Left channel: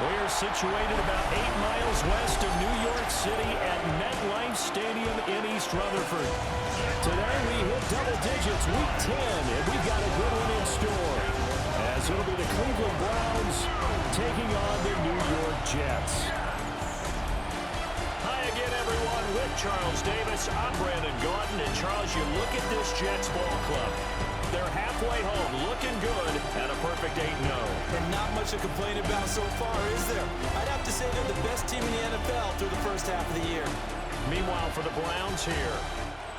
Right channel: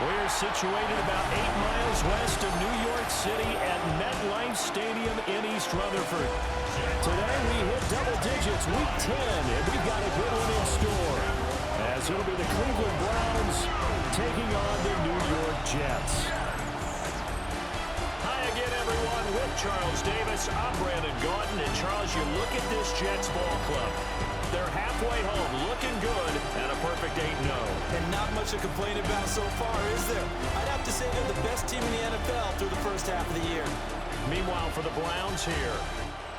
We're situated about 8 miles west of New York City at MetLife Stadium in East Rutherford. Today we hit double digits, week 10, and we've got a good one in store, as it'll be the Cleveland Browns taking on the New York Jets. Hi again, everyone, with Charles Davis. I'm Brandon Gaudin, and Charles, you look at this Jets ball club. They're halfway home, looking good, at a perfect 8-0. And not much to complain about so far, is there? I'd have to say they're the best team in the NFL through the first half of the year. Meanwhile, for the Browns here,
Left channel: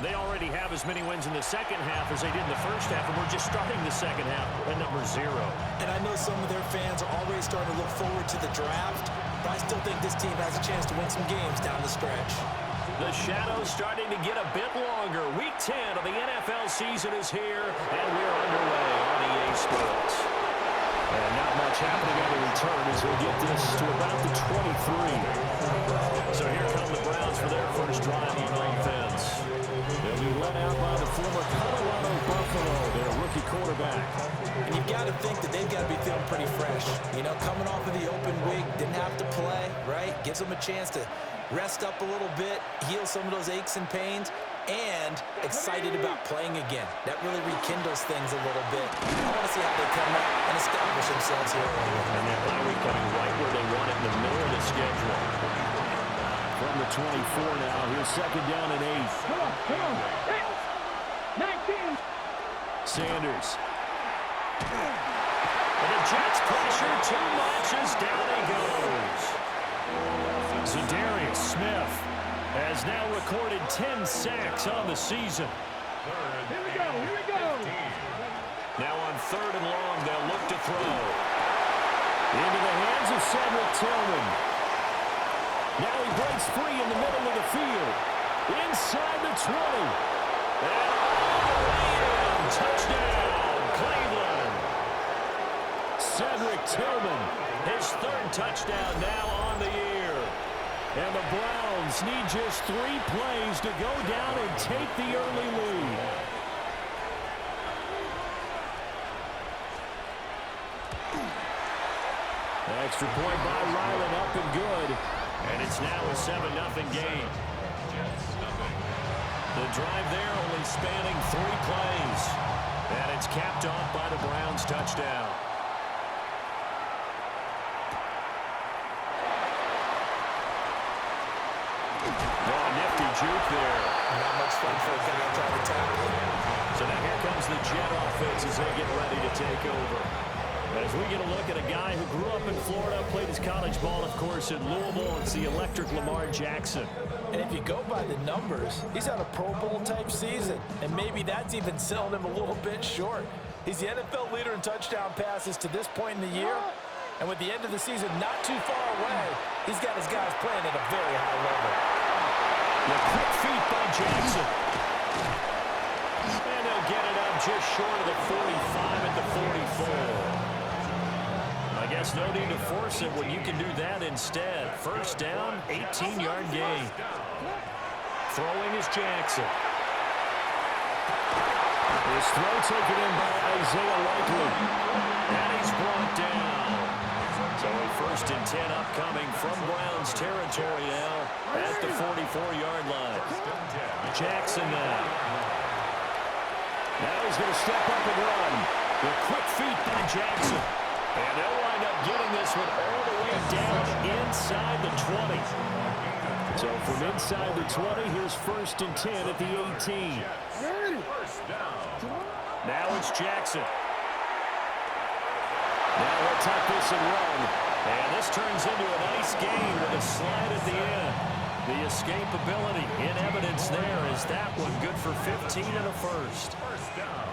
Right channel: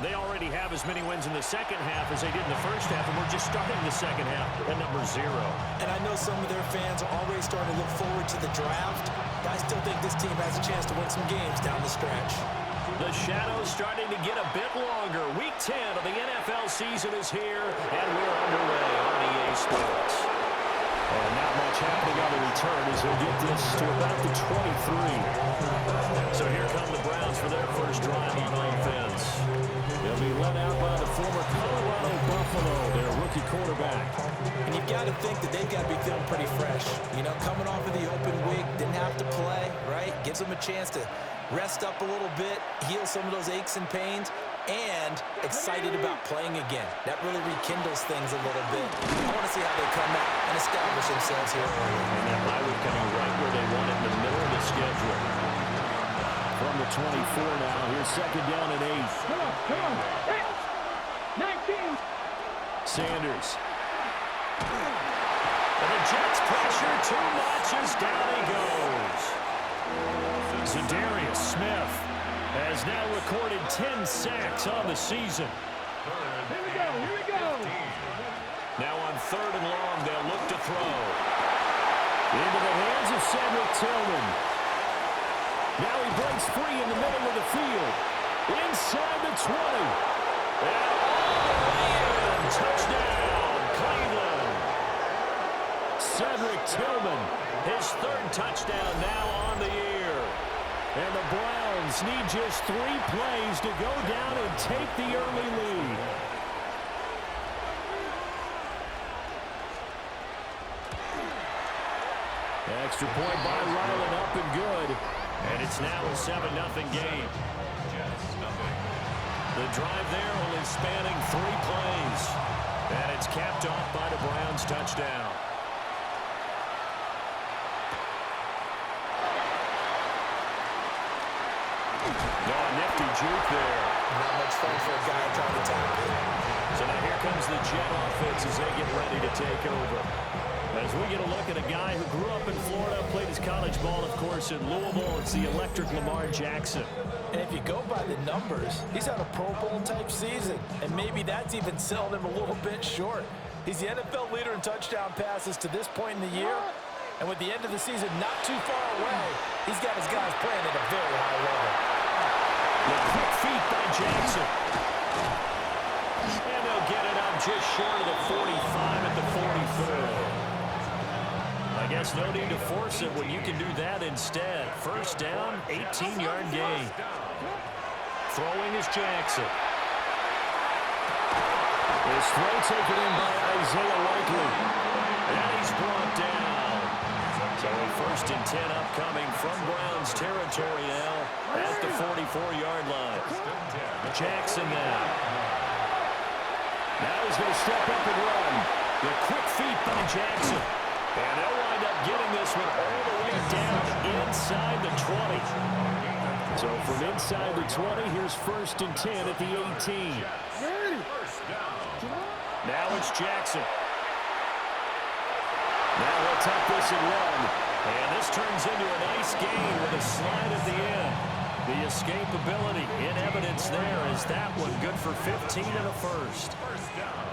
they already have as many wins in the second half as they did in the first half, and we're just starting the second half at number 0. And I know some of their fans are already starting to look forward to the draft, but I still think this team has a chance to win some games down the stretch. The shadow's starting to get a bit longer. Week 10 of the NFL season is here, and we're underway on EA Sports. And not much happening on the return as they get this to about the 23. So here come the Browns for their first drive on offense. They'll be led out by the former Colorado Buffalo, their rookie quarterback. And you've got to think that they've got to be feeling pretty fresh. You know, coming off of the open week, didn't have to play, right? Gives them a chance to rest up a little bit, heal some of those aches and pains, and excited about playing again. That really rekindles things a little bit. I want to see how they come out and establish themselves here early. And that bye week coming right where they want it in the middle of the schedule. From the 24 now, here's second down and 8. Come on. 19. Sanders. And the Jets pressure too much as down he goes. Zadarius Smith has now recorded 10 sacks on the season. Here we go. Now on 3rd and long, they'll look to throw. Into the hands of Cedric Tillman. Now he breaks free in the middle of the field. Inside the 20. And all the way in. Touchdown, Cleveland. Cedric Tillman, his 3rd touchdown now on the year. And the Browns need just 3 plays to go down and take the early lead. Extra point by Ryland, up and good. And it's now a 7-0 game. The drive there only spanning 3 plays. And it's capped off by the Browns' touchdown. Oh, nifty juke there. Not much fun for a guy trying to tackle. So now here comes the Jet offense as they get ready to take over. As we get a look at a guy who grew up in Florida, played his college ball, of course, in Louisville. It's the electric Lamar Jackson. And if you go by the numbers, he's had a Pro Bowl-type season. And maybe that's even selling him a little bit short. He's the NFL leader in touchdown passes to this point in the year. And with the end of the season not too far away, he's got his guys playing at a very high level. The quick feet by Jackson. And they'll get it up just short of the 45 at the 44. I guess no need to force it when you can do that instead. First down, 18-yard gain. Throwing is Jackson. His throw taken in by Isaiah Likely. And he's brought down. So a 1st and 10 upcoming from Browns territory now at the 44-yard line. Jackson now. Now he's going to step up and run. The quick feet by Jackson. And they'll wind up getting this one all the way down inside the 20. So from inside the 20, here's 1st and 10 at the 18. Now it's Jackson. Now he'll tuck this and run. And this turns into a nice gain with a slide at the end. The escapability in evidence there is that one good for 15 and a first. First down.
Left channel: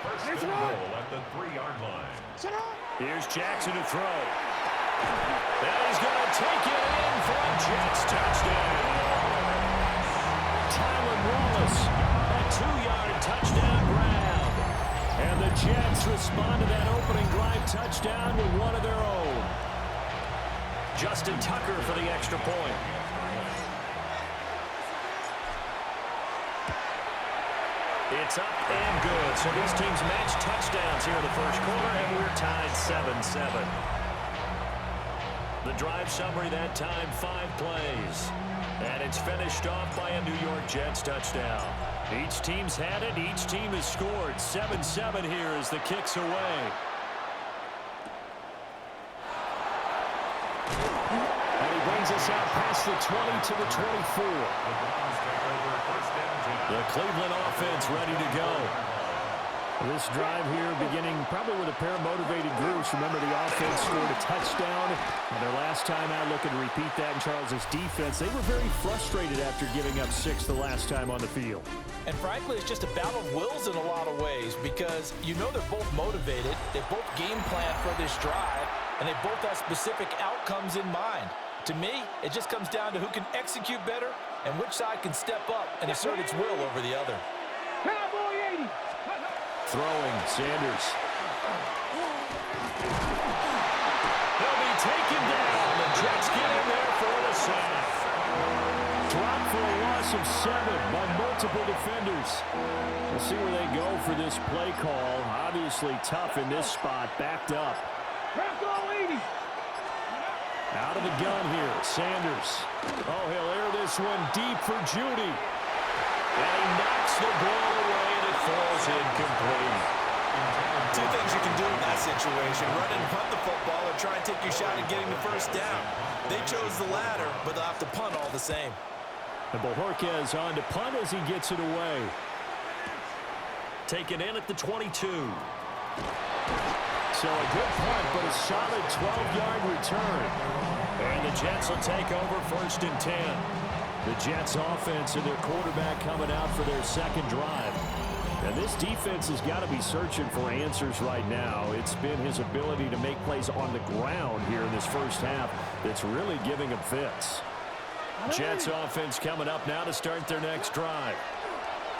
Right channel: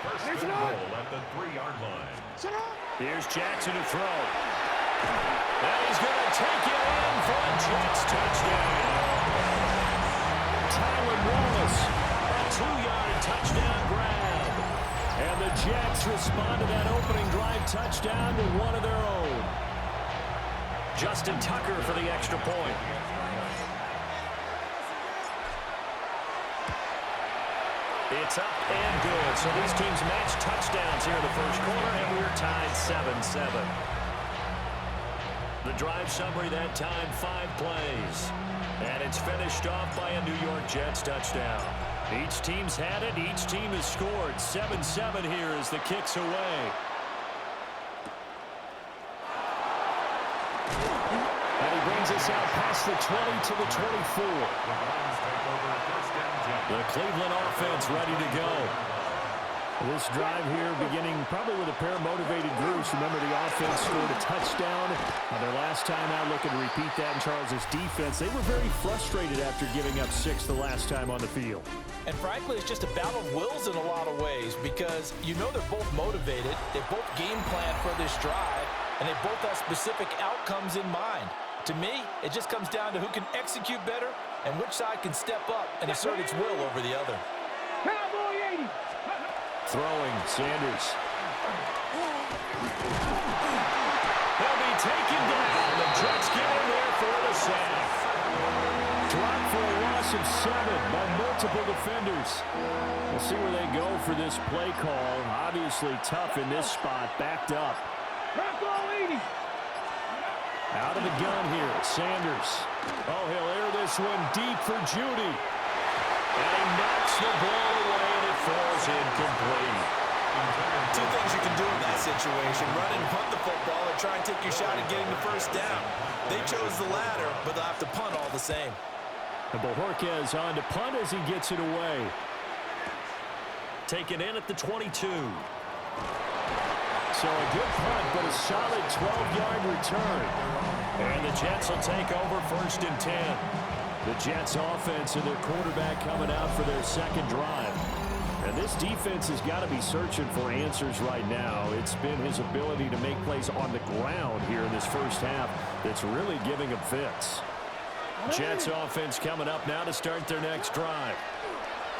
First and goal at the 3-yard line. Here's Jackson to throw. And he's going to take it in for a Jets touchdown. Tylan Wallace, a 2-yard touchdown grab. And the Jets respond to that opening drive touchdown with one of their own. Justin Tucker for the extra point. It's up and good. So these teams match touchdowns here in the first quarter, and we're tied 7-7. The drive summary that time, 5 plays. And it's finished off by a New York Jets touchdown. Each team's had it. Each team has scored. 7-7 here as the kick's away. And he brings us out past the 20 to the 24. The Cleveland offense ready to go. This drive here beginning probably with a pair of motivated groups. Remember, the offense scored a touchdown on their last time out, looking to repeat that in Charles's defense. They were very frustrated after giving up 6 the last time on the field. And frankly, it's just a battle of wills in a lot of ways because you know they're both motivated. They both game plan for this drive, and they both have specific outcomes in mind. To me, it just comes down to who can execute better and which side can step up and assert its will over the other. Cowboy 80. Throwing, Sanders. They'll be taken down. The Jets get in there for the sack. Dropped for a loss of 7 by multiple defenders. We'll see where they go for this play call. Obviously tough in this spot, backed up. Cowboy 80. Out of the gun here, Sanders. Oh, he'll air this one deep for Judy. And he knocks the ball away, and it falls incomplete. 2 things you can do in that situation: run and punt the football, or try and take your shot at getting the first down. They chose the latter, but they'll have to punt all the same. And Bojorquez on to punt as he gets it away. Taken in at the 22. So a good punt, but a solid 12-yard return. And the Jets will take over 1st and 10. The Jets offense and their quarterback coming out for their second drive. And this defense has got to be searching for answers right now. It's been his ability to make plays on the ground here in this first half that's really giving him fits. Jets offense coming up now to start their next drive.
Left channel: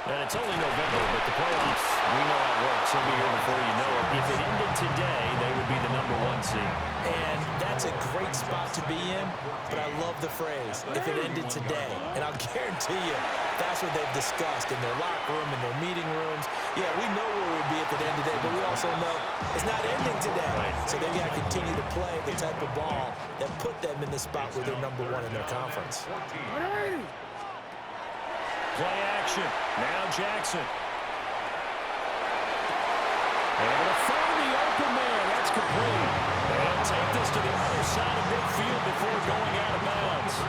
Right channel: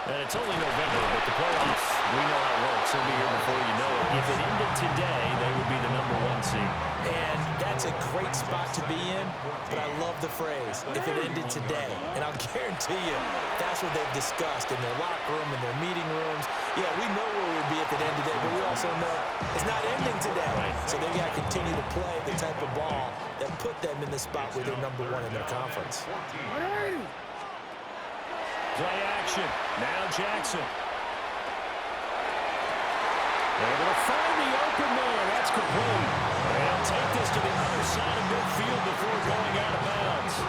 And it's only November, but the playoffs, we know how it works. They'll be here before you know it. If it ended today, they would be the #1 seed. And that's a great spot to be in, but I love the phrase, if it ended today. And I'll guarantee you, that's what they've discussed in their locker room, in their meeting rooms. Yeah, we know where we'd be if it ended today, but we also know it's not ending today. Right. So they've got to continue to play the type of ball that put them in the spot where they're #1 in their conference. Play action. Now Jackson. Able to find the open man. That's complete. They'll take this to the other side of midfield before going out of bounds.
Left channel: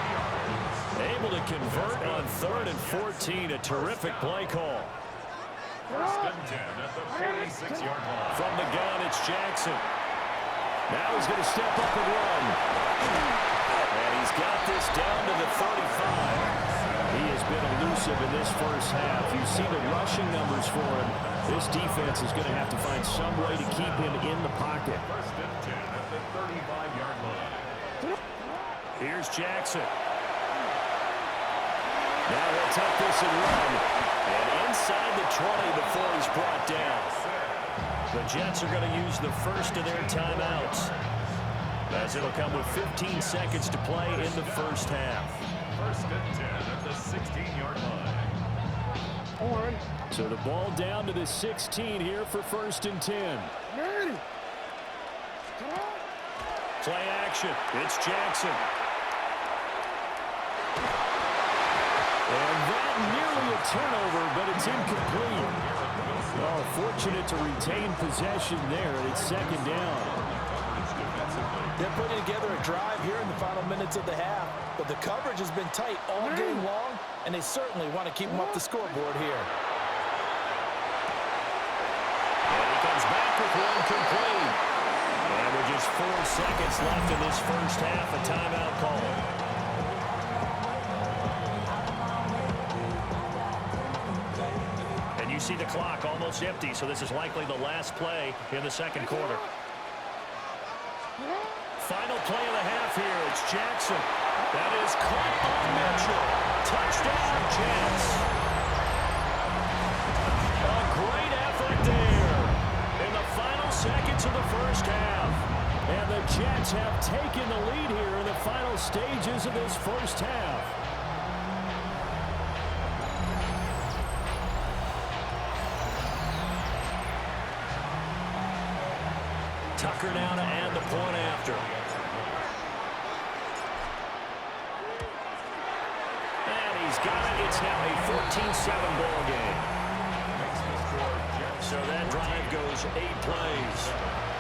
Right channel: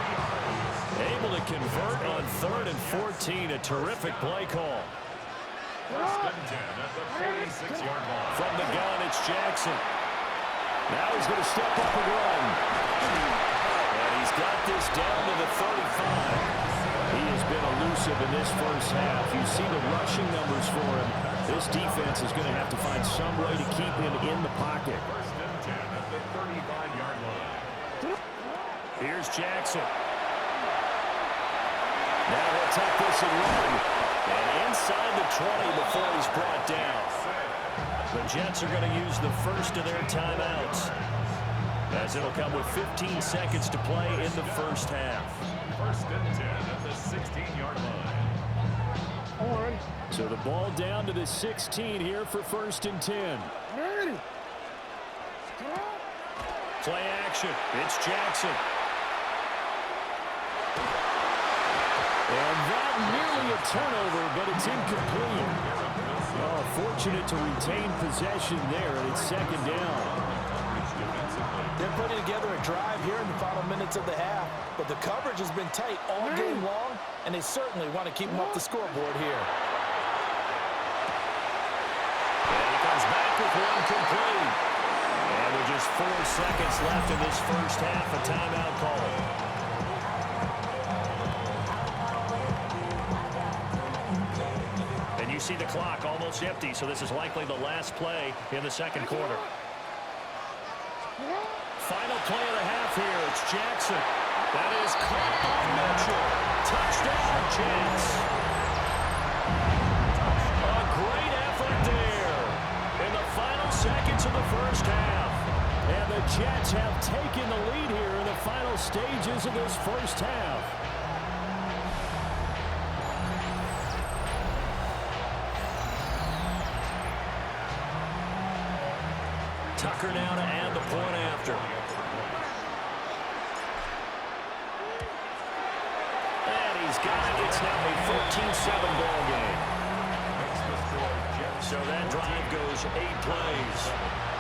Able to convert on 3rd and 14. A terrific play call. 1st and 10 at the 46-yard line. From the gun, it's Jackson. Now he's going to step up and run. And he's got this down to the 35. He has been elusive in this first half. You see the rushing numbers for him. This defense is going to have to find some way to keep him in the pocket. 1st and 10 at the 35-yard line. Here's Jackson. Now he'll tuck this and run. And inside the 20 before he's brought down. The Jets are going to use the first of their timeouts, as it'll come with 15 seconds to play in the first half. 1st and 10 at the 16-yard line. So the ball down to the 16 here for 1st and 10. Play action. It's Jackson. And that nearly a turnover, but it's incomplete. Oh, fortunate to retain possession there, and it's 2nd down. They're putting together a drive here in the final minutes of the half, but the coverage has been tight all game long, and they certainly want to keep them up the scoreboard here. And he comes back with one complete. And with just 4 seconds left in this first half, a timeout call. And you see the clock almost empty, so this is likely the last play in the second quarter. Final play of the half here. It's Jackson. That is caught on Mitchell. Touchdown, Jets. A great effort there in the final seconds of the first half. And the Jets have taken the lead here in the final stages of this first half. Tucker now to add the point after. he's got it. It's now a 14-7 ball game. So that drive goes 8 plays.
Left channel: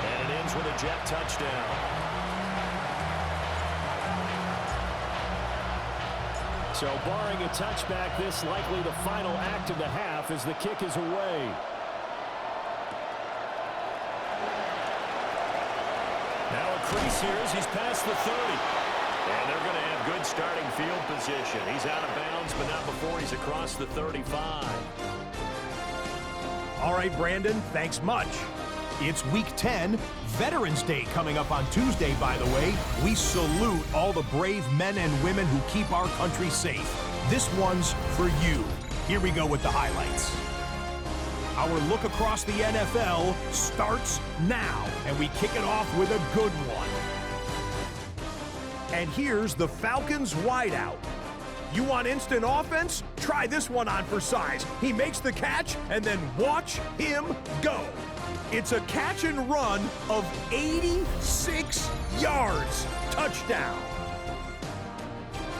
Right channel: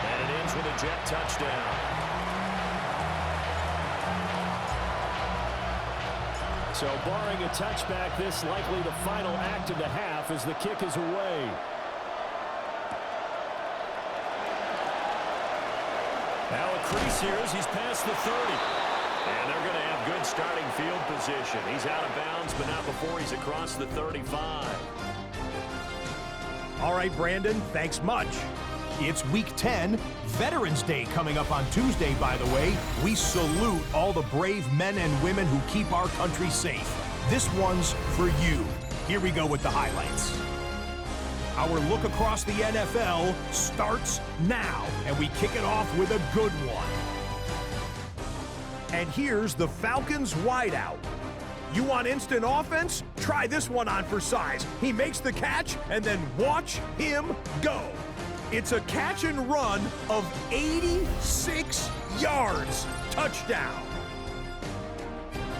And it ends with a Jet touchdown. So barring a touchback, this likely the final act of the half as the kick is away. Now a crease here as he's past the 30. And they're going to have good starting field position. He's out of bounds, but not before he's across the 35. All right, Brandon, thanks much. It's Week 10, Veterans Day coming up on Tuesday, by the way. We salute all the brave men and women who keep our country safe. This one's for you. Here we go with the highlights. Our look across the NFL starts now, and we kick it off with a good one. And here's the Falcons wideout. You want instant offense? Try this one on for size. He makes the catch, and then watch him go. It's a catch and run of 86 yards. Touchdown.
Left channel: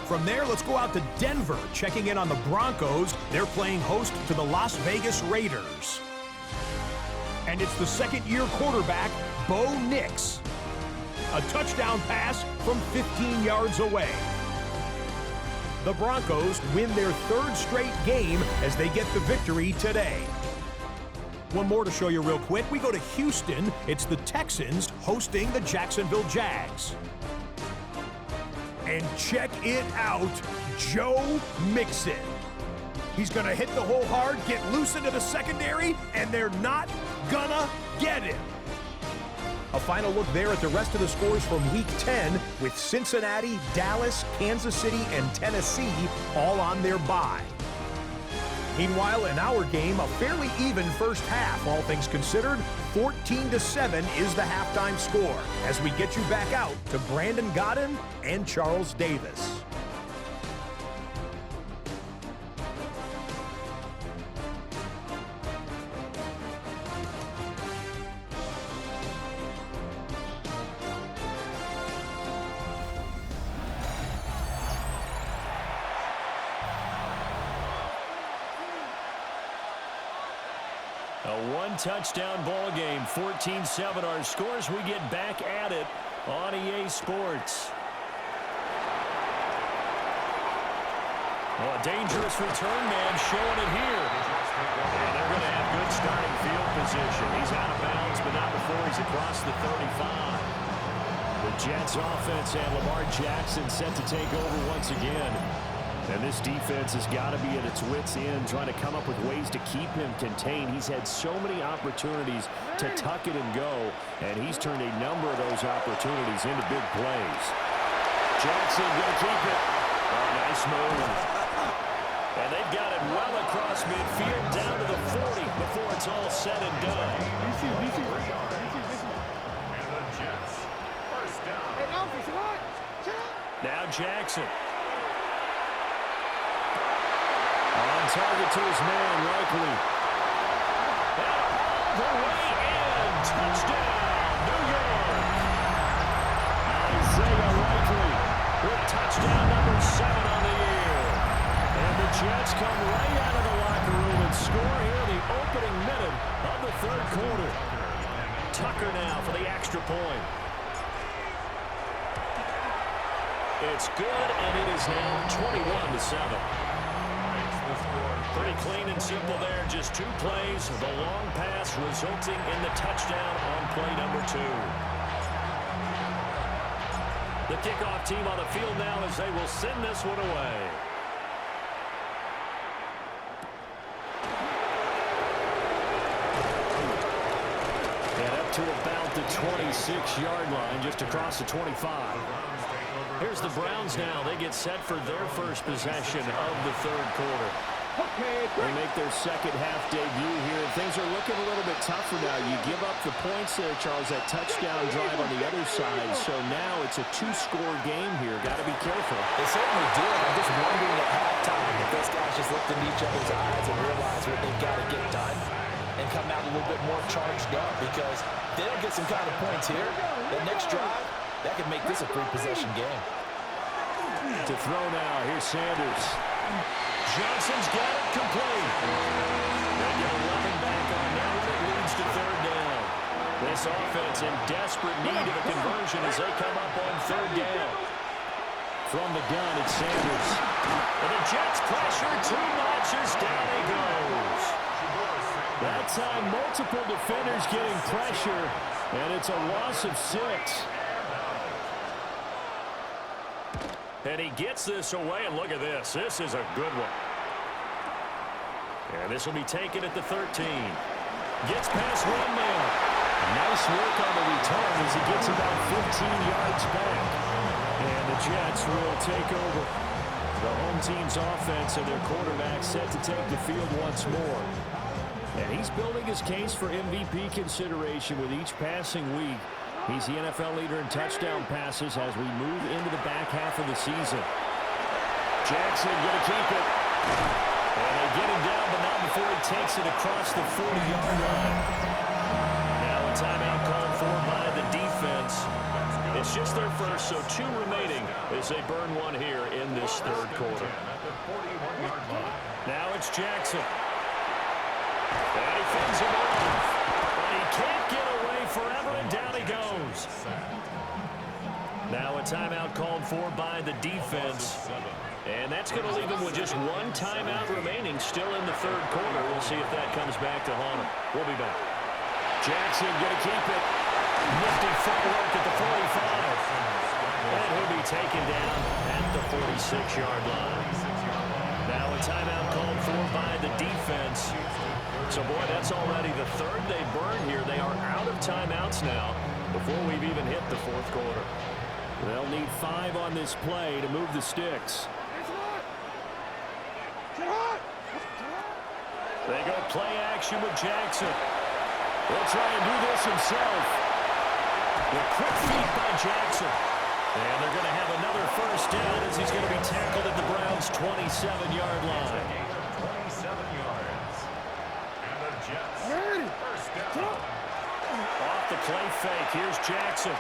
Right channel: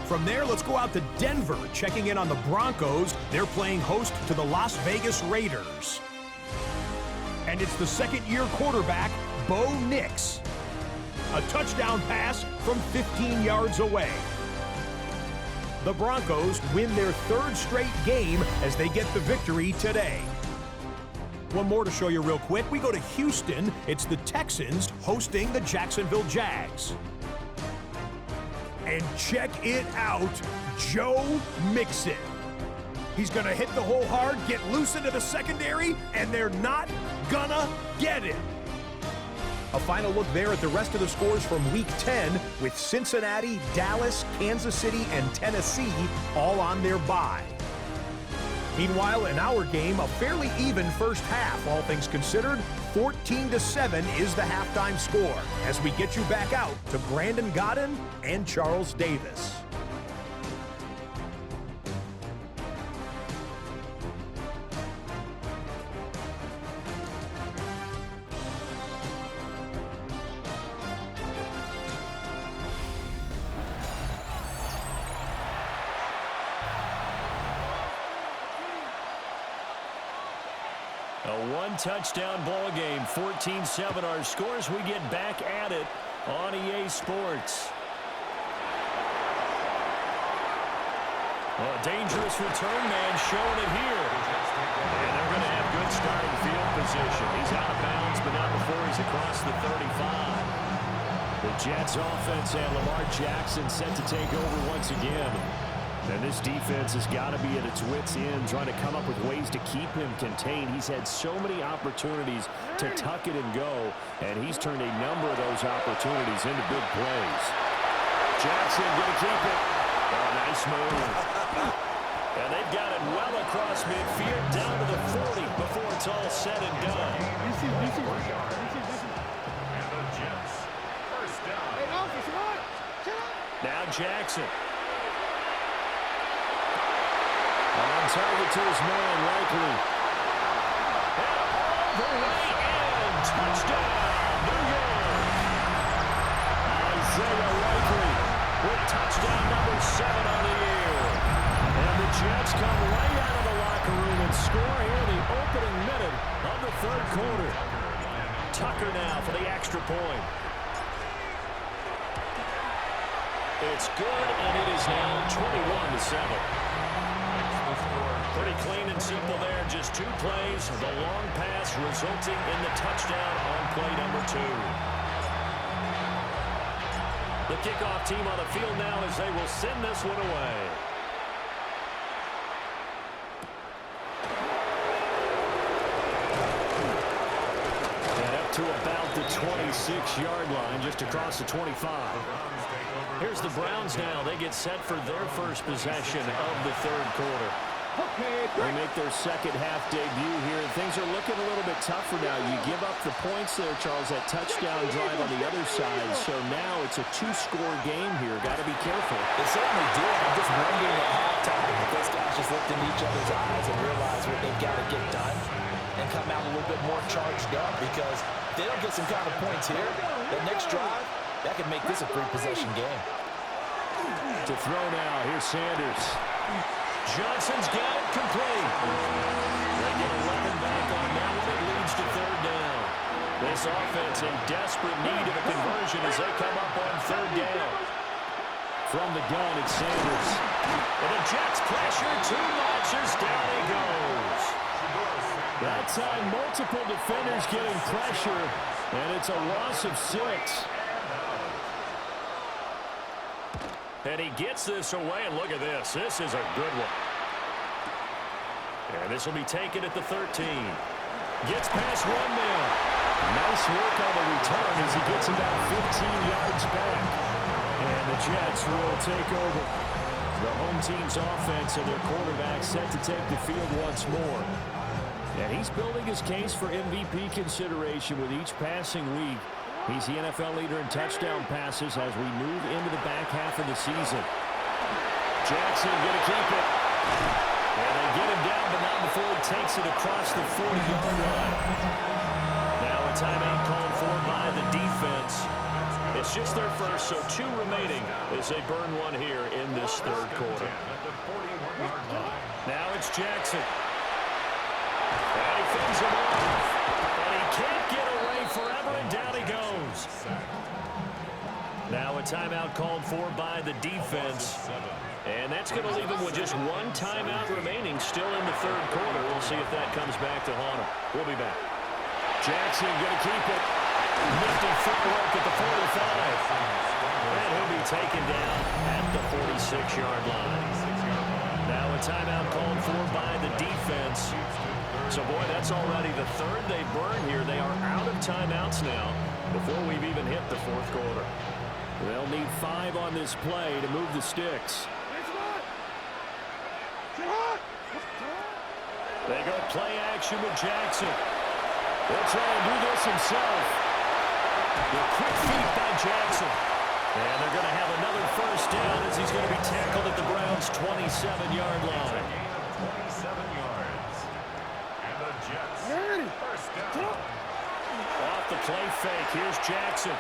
From there, let's go out to Denver, checking in on the Broncos. They're playing host to the Las Vegas Raiders. And it's the second-year quarterback, Bo Nix. A touchdown pass from 15 yards away. The Broncos win their 3rd straight game as they get the victory today. One more to show you real quick. We go to Houston. It's the Texans hosting the Jacksonville Jags. And check it out, Joe Mixon. He's going to hit the hole hard, get loose into the secondary, and they're not gonna get him. A final look there at the rest of the scores from Week 10 with Cincinnati, Dallas, Kansas City, and Tennessee all on their bye. Meanwhile, in our game, a fairly even first half, all things considered. 14-7 is the halftime score as we get you back out to Brandon Godden and Charles Davis. A one-touchdown ball game, 14-7 our scores. We get back at it on EA Sports. Oh, a dangerous return man showing it here. And they're going to have good starting field position. He's out of bounds, but not before he's across the 35. The Jets offense and Lamar Jackson set to take over once again. And this defense has got to be at its wits' end, trying to come up with ways to keep him contained. He's had so many opportunities to tuck it and go, and he's turned a number of those opportunities into big plays. Jackson going to keep it. Oh, nice move. And they've got it well across midfield, down to the 40 before it's all said and done. And the Jets, first down. Hey, officer, what? Shut up. Now Jackson. On target to his man, Likely. And all the way in. Touchdown, New York. Isaiah Likely with touchdown number 7 on the year. And the Jets come right out of the locker room and score here in the opening minute of the 3rd quarter. Tucker now for the extra point. It's good, and it is now 21-7. Pretty clean and simple there. Just 2 plays. The long pass resulting in the touchdown on play number 2. The kickoff team on the field now as they will send this one away. And up to about the 26-yard line, just across the 25. Here's the Browns now. They get set for their first possession of the 3rd quarter. They make their second half debut here, and things are looking a little bit tougher now. You give up the points there, Charles, that touchdown drive on the other side. So now it's a 2-score game here. Got to be careful. They certainly do. I'm just wondering at halftime if those guys just looked into each other's eyes and realized what they've got to get done and come out a little bit more charged up, because if they don't get some kind of points here, the next drive, that could make this a 3-possession game. To throw now, here's Sanders. Johnson's got it complete. They get 11 back on that one. It leads to third down. This offense in desperate need of a conversion as they come up on third down. From the gun, it's Sanders. And the Jets pressure too much as down he goes. That time, multiple defenders getting pressure, and it's a loss of 6. And he gets this away, and look at this. This is a good one. And this will be taken at the 13. Gets past one man. Nice work on the return as he gets about 15 yards back. And the Jets will take over. The home team's offense and their quarterback set to take the field once more. And he's building his case for MVP consideration with each passing week. He's the NFL leader in touchdown passes as we move into the back half of the season. Jackson going to keep it. And they get him down, but not before he takes it across the 40-yard line. Now a timeout called for by the defense. It's just their first, so 2 remaining as they burn one here in this third quarter. Now it's Jackson. And he fends him off. But he can't get away forever, and down he goes. Now a timeout called for by the defense. And that's going to leave him with just 1 timeout remaining still in the third quarter. We'll see if that comes back to haunt him. We'll be back. Jackson going to keep it. Nifty footwork at the 45. And he'll be taken down at the 46-yard line. Now a timeout called for by the defense. So, boy, that's already the third they burn here. They are out of timeouts now before we've even hit the fourth quarter. They'll need 5 on this play to move the sticks. They go play action with Jackson. He'll try and do this himself. The quick feet by Jackson. And they're going to have another first down as he's going to be tackled at the Browns' 27-yard line. 27 yards. And the Jets first down. Off the play fake, here's Jackson.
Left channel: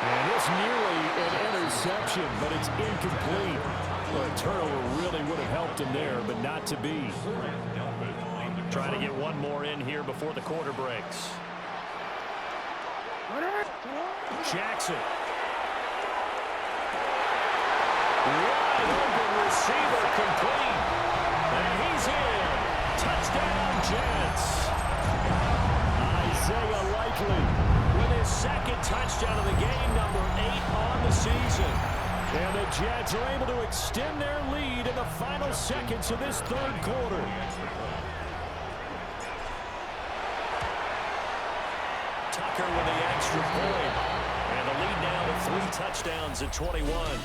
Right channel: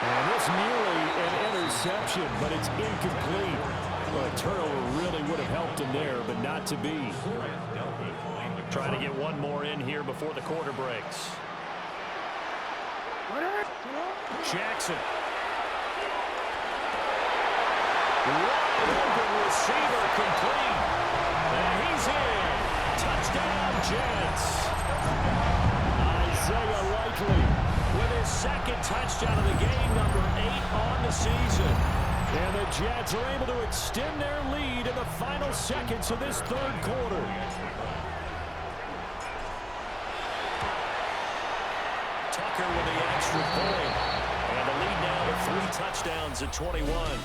And it's nearly an interception, but it's incomplete. Well, a turnover really would have helped him there, but not to be. Trying to get one more in here before the quarter breaks. Jackson. Wide open receiver complete. And he's in. Touchdown, Jets. Isaiah Likely with his second touchdown of the game, number 8 on the season. And the Jets are able to extend their lead in the final seconds of this third quarter. Tucker with the extra point. And the lead now to 3 touchdowns at 21.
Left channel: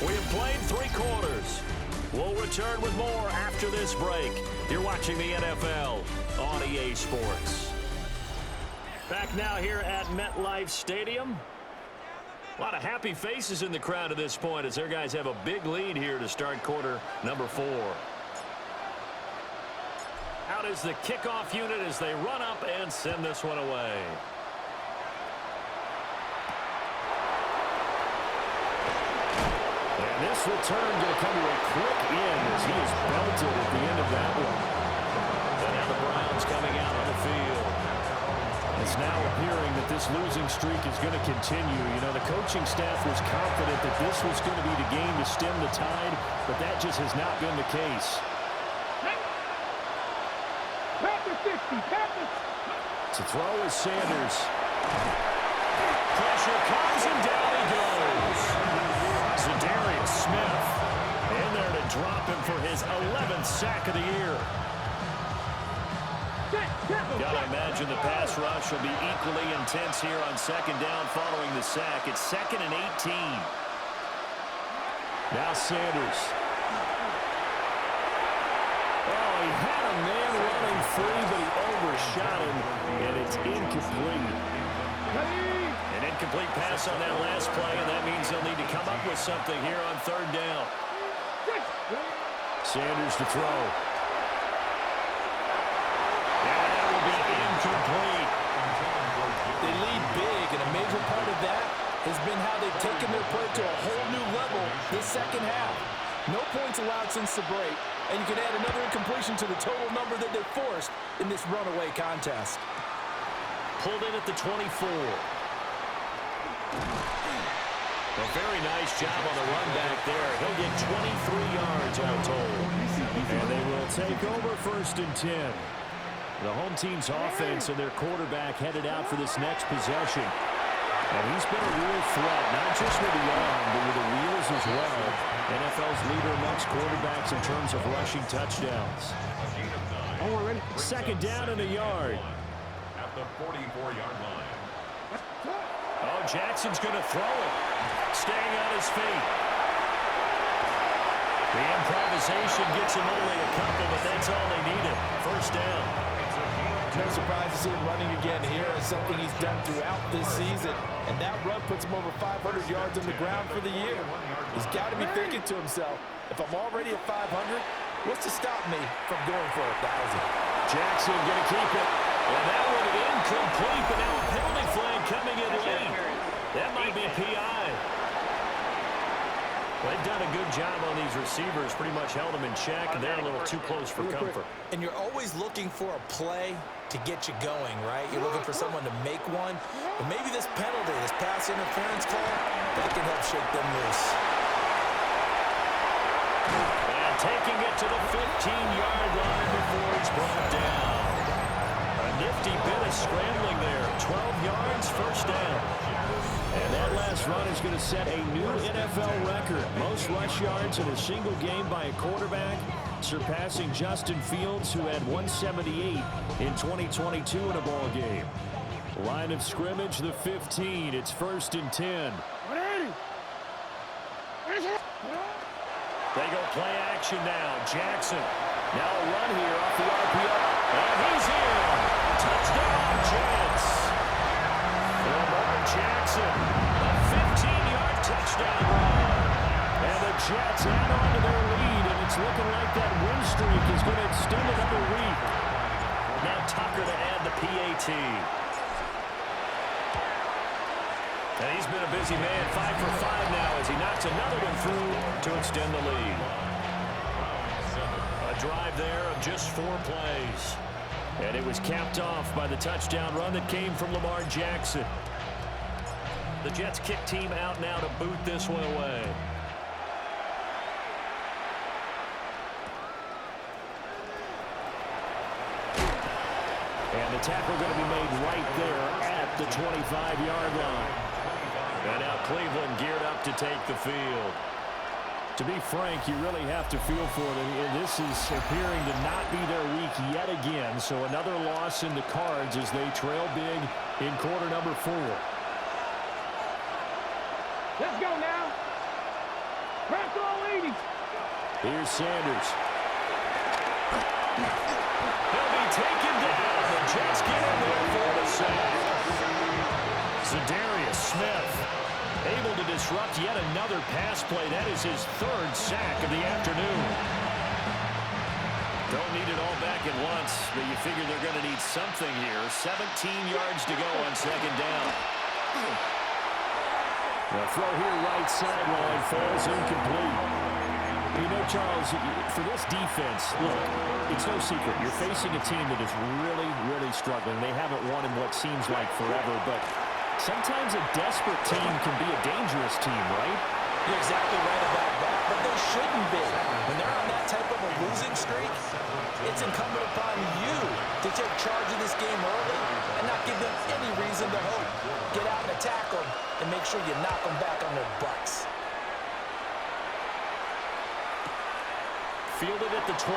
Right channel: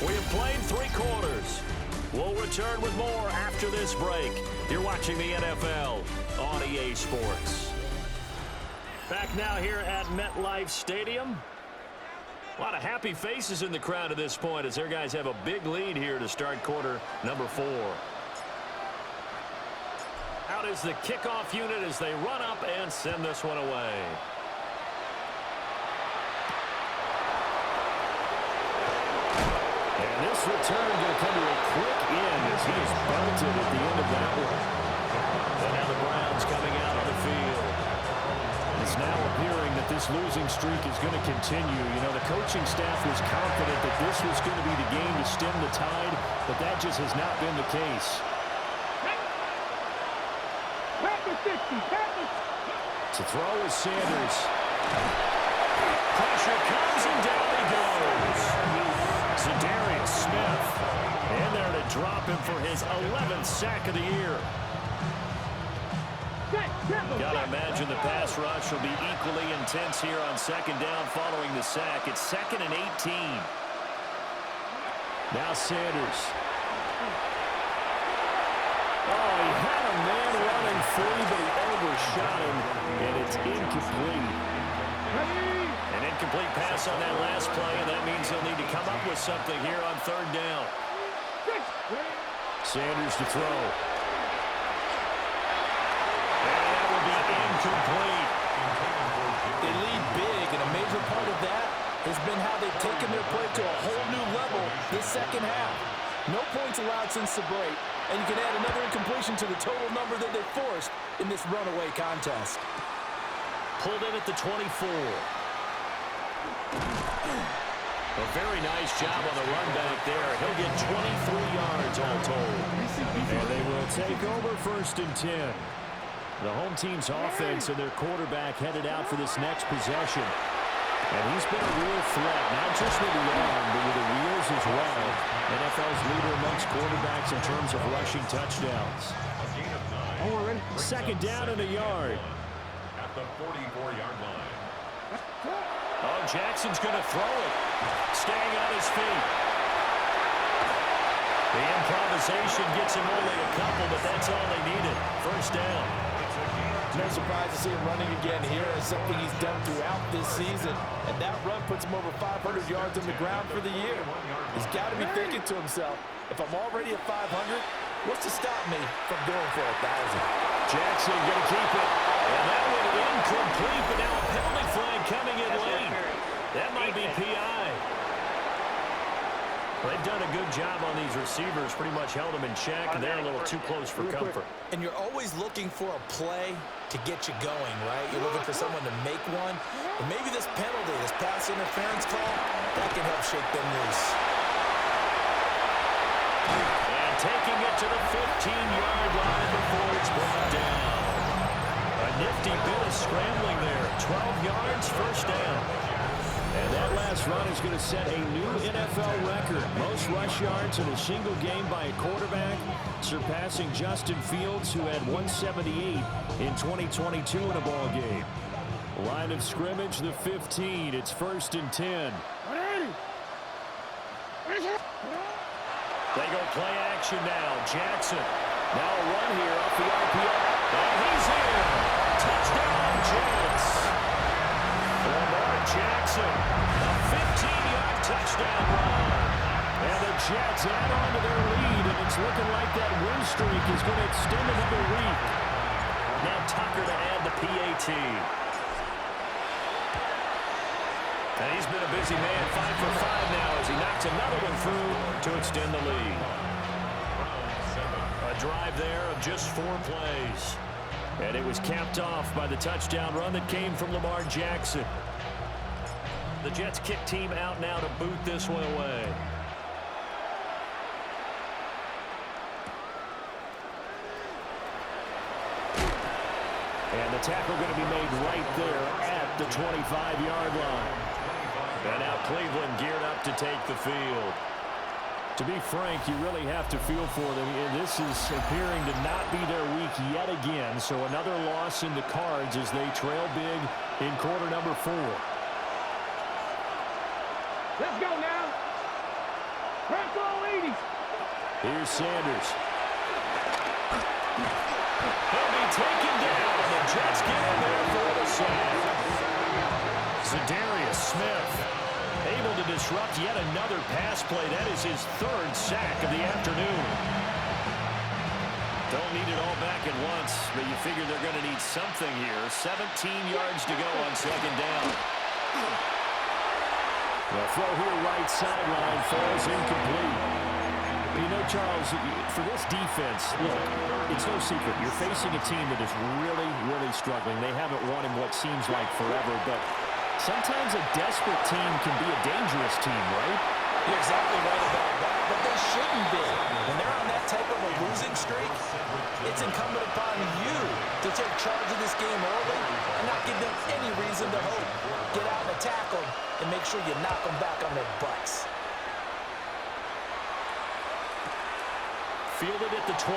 We have played 3 quarters. We'll return with more after this break. You're watching the NFL on EA Sports. Back now here at MetLife Stadium. A lot of happy faces in the crowd at this point as their guys have a big lead here to start quarter number 4. Out is the kickoff unit as they run up and send this one away. And this return going to come to a quick end as he is belted at the end of that one. And now the Browns coming out on the field. It's now appearing that this losing streak is going to continue. You know, the coaching staff was confident that this was going to be the game to stem the tide, but that just has not been the case. To throw is Sanders. Pressure comes and down he goes. Zadarius Smith in there to drop him for his 11th sack of the year. Gotta imagine the pass rush will be equally intense here on second down following the sack. It's 2nd and 18. Now Sanders. Oh, he had a man running free, but he overshot him, and it's incomplete. An incomplete pass on that last play, and that means he'll need to come up with something here on third down. Sanders to throw. And that will be incomplete. They lead big, and a major part of that has been how they've taken their play to a whole new level this second half. No points allowed since the break, and you can add another incompletion to the total number that they forced in this runaway contest. Pulled in at the 24. A very nice job on the run back there. He'll get 23 yards all told. And they will take over 1st and 10. The home team's offense and their quarterback headed out for this next possession. And he's been a real threat, not just with the arm, but with the wheels as well. NFL's leader amongst quarterbacks in terms of rushing touchdowns. Second down and a yard. At the 44-yard line. Oh, Jackson's going to throw it. Staying on his feet. The improvisation gets him only a couple, but that's all they needed. 1st down. No surprise to see him running again here. It's something he's done throughout this season. And that run puts him over 500 yards on the ground for the year. He's got to be thinking to himself, if I'm already at 500, what's to stop me from going for 1,000? Jackson going to keep it. And that one incomplete, but now a penalty flag coming in late. That might be PI. They've done a good job on these receivers, pretty much held them in check, and they're a little too close for comfort. And you're always looking for a play to get you going, right? You're looking for someone to make one. But maybe this penalty, this pass interference call, that can help shake them loose. And taking it to the 15-yard line before it's brought down. A nifty bit of scrambling there. 12 yards, 1st down. And that last run is going to set a new NFL record. Most rush yards in a single game by a quarterback, surpassing Justin Fields, who had 178 in 2022 in a ball game. Line of scrimmage, the 15. It's 1st and 10. They go play action now. Jackson. Now a run here off the RPO. And he's in. Touchdown, Jets. Lamar Jackson, a 15-yard touchdown run. And the Jets add on to their lead, and it's looking like that win streak is going to extend another week. Now Tucker to add the PAT. And he's been a busy man, 5 for 5 now as he knocks another one through to extend the lead. A drive there of just 4 plays. And it was capped off by the touchdown run that came from Lamar Jackson. The Jets kick team out now to boot this one away. And the tackle going to be made right there at the 25-yard line. And now Cleveland geared up to take the field. To be frank, you really have to feel for them. This is appearing to not be their week yet again. So another loss in the cards as they trail big in quarter number 4. Let's go now. Crack all 80. Here's Sanders. He'll be taken down. The Jets get in there for the sack. Za'Darius Smith able to disrupt yet another pass play. That is his 3rd sack of the afternoon. Don't need it all back at once, but you figure they're going to need something here. 17 yards to go on 2nd down. The throw here right sideline falls incomplete. You know, Charles, for this defense, look, it's no secret. You're facing a team that is really, really struggling. They haven't won in what seems like forever, but sometimes a desperate team can be a dangerous team, right? You're exactly right about that, but they shouldn't be. When they're on that type of a losing streak, it's incumbent upon you to take charge of this game early and not give them any reason to hope. Get out and attack them and make sure you knock them back on their butts. Fielded at the 20.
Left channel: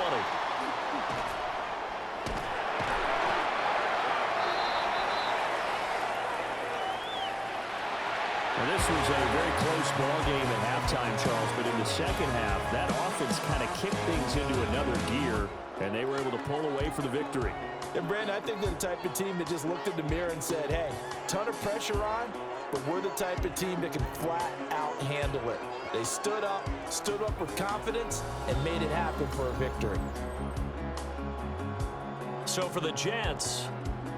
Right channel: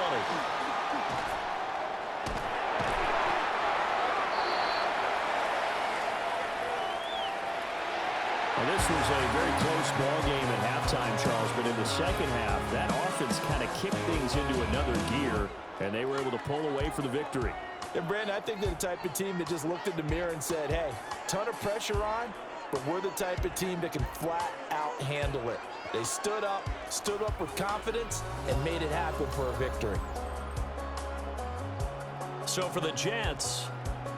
Well, this was a very close ball game at halftime, Charles, but in the second half, that offense kind of kicked things into another gear, and they were able to pull away for the victory. And, Brandon, I think they're the type of team that just looked in the mirror and said, hey, ton of pressure on, but we're the type of team that can flat out handle it. They stood up with confidence, and made it happen for a victory. So for the Jets,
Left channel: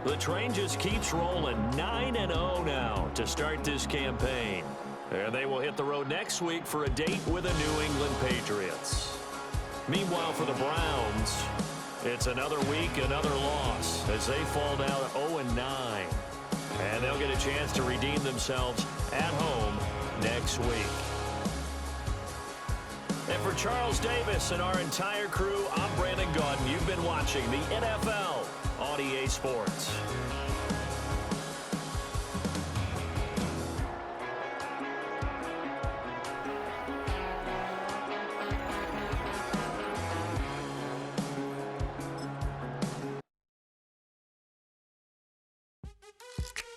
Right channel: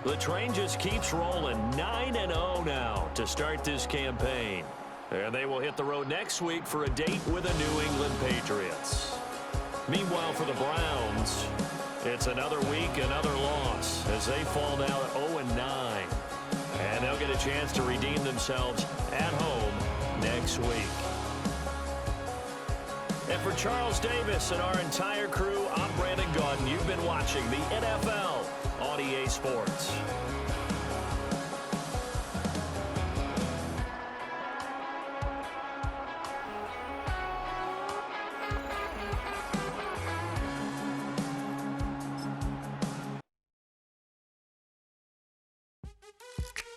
The train just keeps rolling. 9-0 now to start this campaign. And they will hit the road next week for a date with the New England Patriots. Meanwhile, for the Browns, it's another week, another loss as they fall now at 0-9. And they'll get a chance to redeem themselves at home next week. And for Charles Davis and our entire crew, I'm Brandon Gaudin. You've been watching the NFL on EA Sports.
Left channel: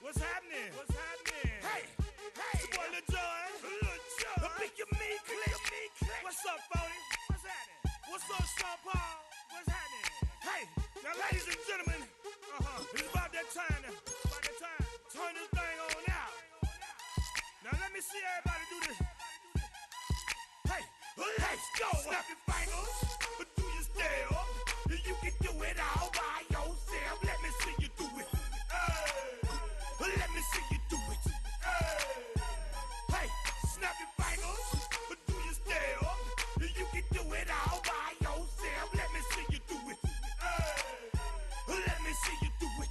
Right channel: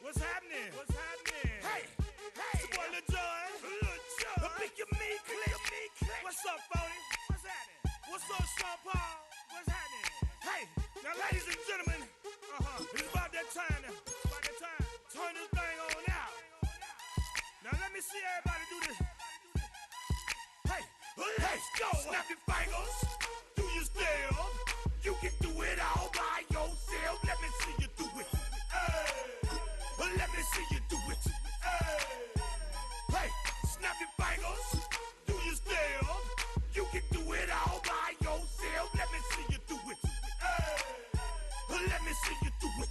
What's happening? What's happening? Hey, hey, it's your boy Lil Jon. The pick your me click. What's up, Phony? What's happening? What's up, Sean Paul? What's happening? Hey, now ladies and gentlemen, it's about that time now. About that time. Turn this thing on out. Now let me see everybody do this. Hey, let's go. Snap your fingers, but do you still? You can do it all by yourself. Let me see you do it. Let me see you do it. Hey, snap your fingers, but do you still? You can do it all by yourself. Let me see you do it. Let me see you do it.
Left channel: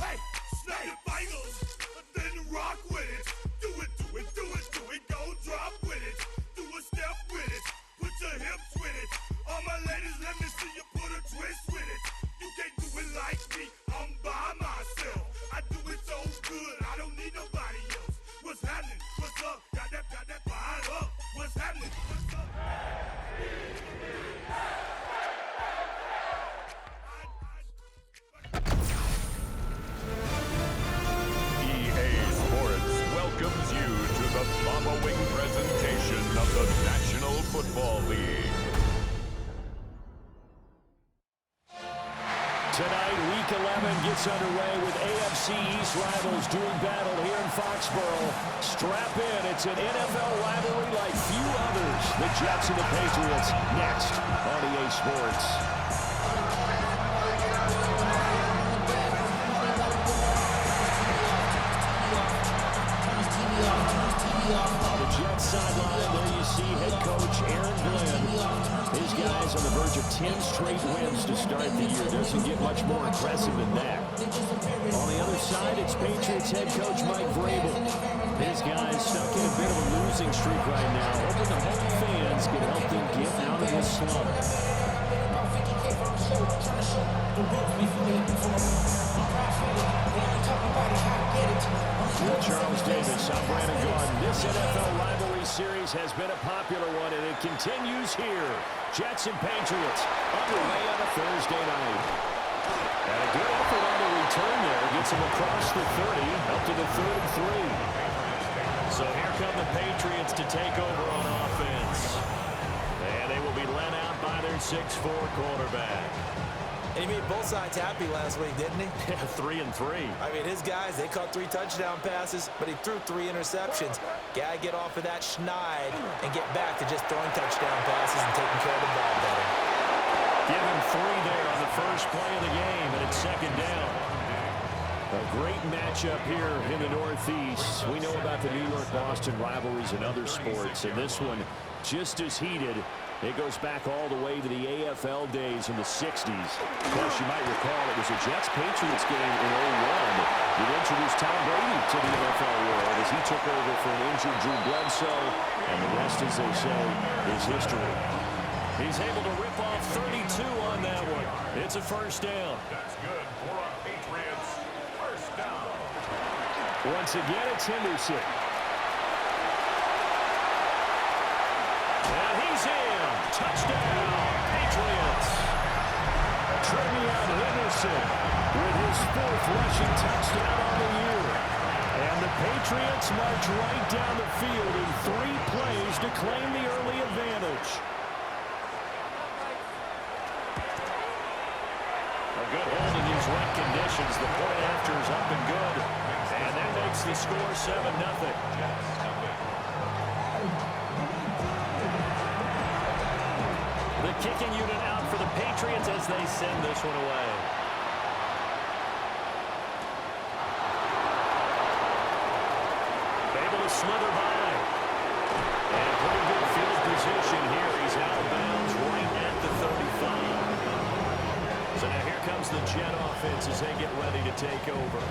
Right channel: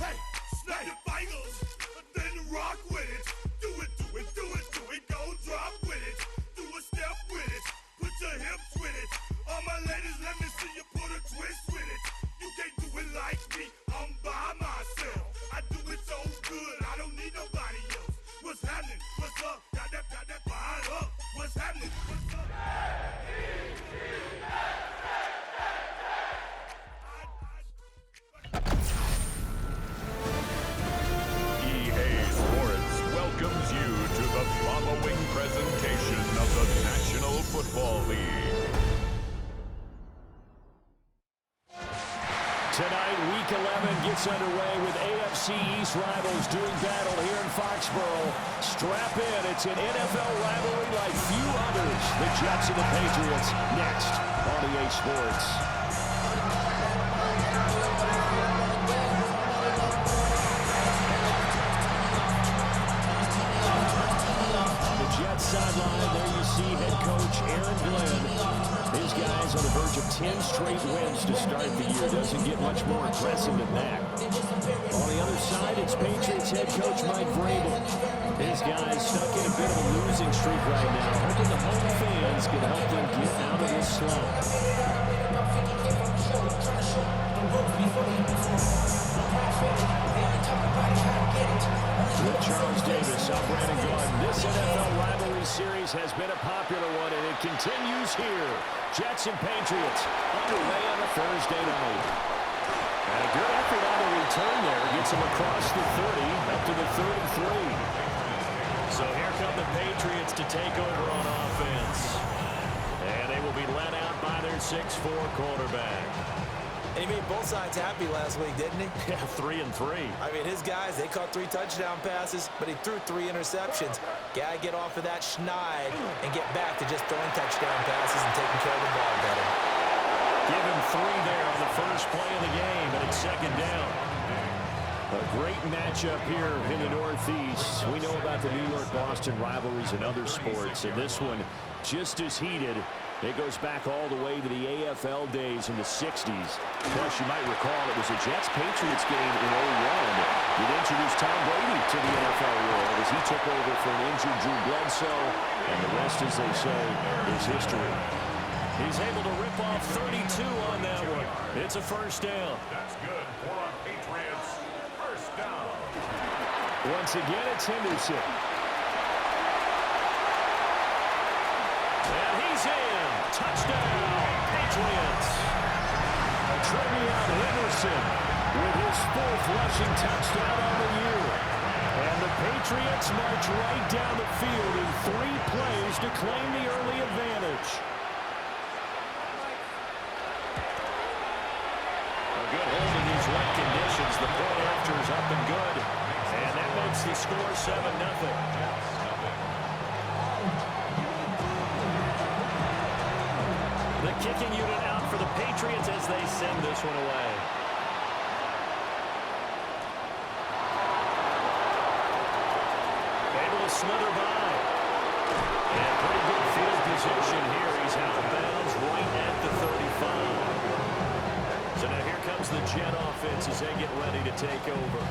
Hey, snap your fingers, then rock with it. Do it, do it, do it, do it. Go drop with it. Do a step with it. Put your hips with it. All my ladies, let me see you put a twist with it. You can't do it like me. I'm by myself. I do it so good. I don't need nobody else. What's happening? What's up? Got that fired up. What's happening? What's up? EA Sports welcomes you to the following presentation of the National Football League. Tonight, Week 11 gets underway with AFC East rivals doing battle here in Foxborough. Strap in. It's an NFL rivalry like few others. The Jets and the Patriots next on EA Sports. On the Jets sideline, there you see head coach Aaron Glenn. His guys on the verge of 10 straight wins to start the year. Doesn't get much more impressive than that. On the other side, it's Patriots head coach Mike Vrabel. His guys stuck in a bit of a losing streak right now, hoping the home fans can help them get out of this slump. With Charles Davis, I'm Brandon Gaudin. This NFL rivalry series has been a popular one, and it continues here. Jets and Patriots underway on a Thursday night. And a good effort on the return there. Gets him across the 30, up to the 3rd and 3. So here come the Patriots to take over on offense. And they will be led out by their 6'4 quarterback. And he made both sides happy last week, didn't he? Yeah, 3 and 3. I mean, his guys, they caught 3 touchdown passes, but he threw 3 interceptions. Gotta get off of that schneid and get back to just throwing touchdown passes and taking care of the ball better. Give him 3 there on the first play of the game, and it's 2nd down. A great matchup here in the Northeast. We know about the New York-Boston rivalries in other sports, and this one just as heated. It goes back all the way to the AFL days in the 60s. Plus, you might recall it was a Jets-Patriots game in 01 that introduced Tom Brady to the NFL world as he took over for an injured Drew Bledsoe, and the rest, as they say, is history. He's able to rip off 32 on that one. It's a 1st down. That's good for a Patriots 1st down. Once again, it's Henderson. And he's in. Touchdown, Patriots. Trevion Henderson with his 4th rushing touchdown on the year. And the Patriots march right down the field in 3 plays to claim the early advantage. A good hold in these wet conditions. The point after is up and good. And that makes the score 7-0. The kicking unit out for the Patriots as they send this one away. able to slither by. And pretty good field position here. He's out of bounds right at the 35. So now here comes the Jet offense as they get ready to take over.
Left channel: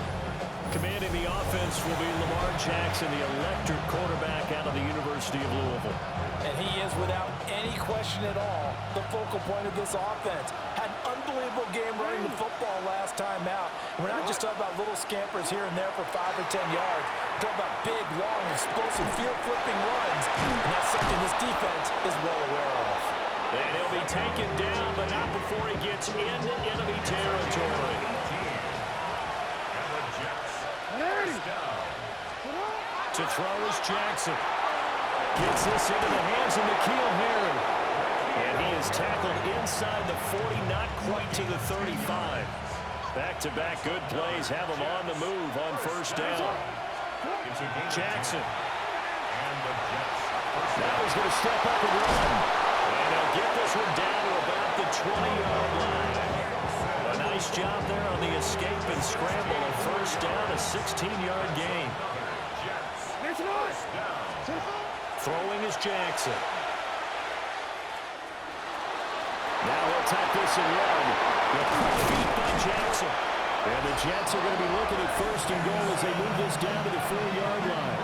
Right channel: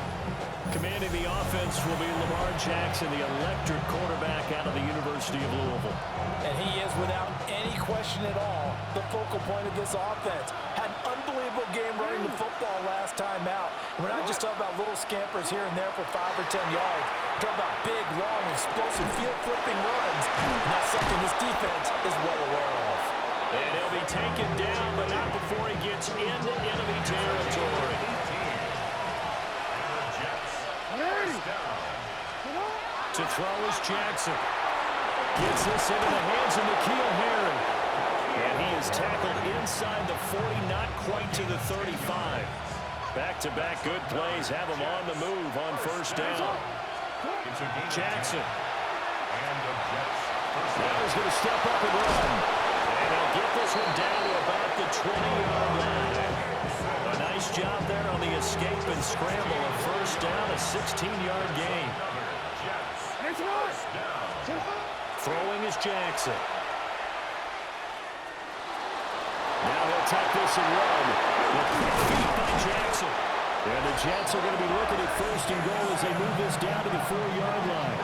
Commanding the offense will be Lamar Jackson, the electric quarterback out of the University of Louisville. And he is, without any question at all, the focal point of this offense. Had an unbelievable game running the football last time out. And we're not just talking about little scampers here and there for 5 or 10 yards. We're talking about big, long, explosive field-flipping runs. And that's something this defense is well aware of. And he'll be taken down, but not before he gets into enemy territory. To throw is Jackson. Gets this into the hands of N'Keal Harry. And he is tackled inside the 40, not quite to the 35. Back-to-back good plays have him on the move on first down. Jackson. Now he's going to step up and run. And they'll get this one down to about the 20-yard line. A nice job there on the escape and scramble. A first down, a 16-yard gain. Throwing is Jackson. Now he'll tuck this and run. The quick feet by Jackson. And the Jets are going to be looking at first and goal as they move this down to the 4-yard line.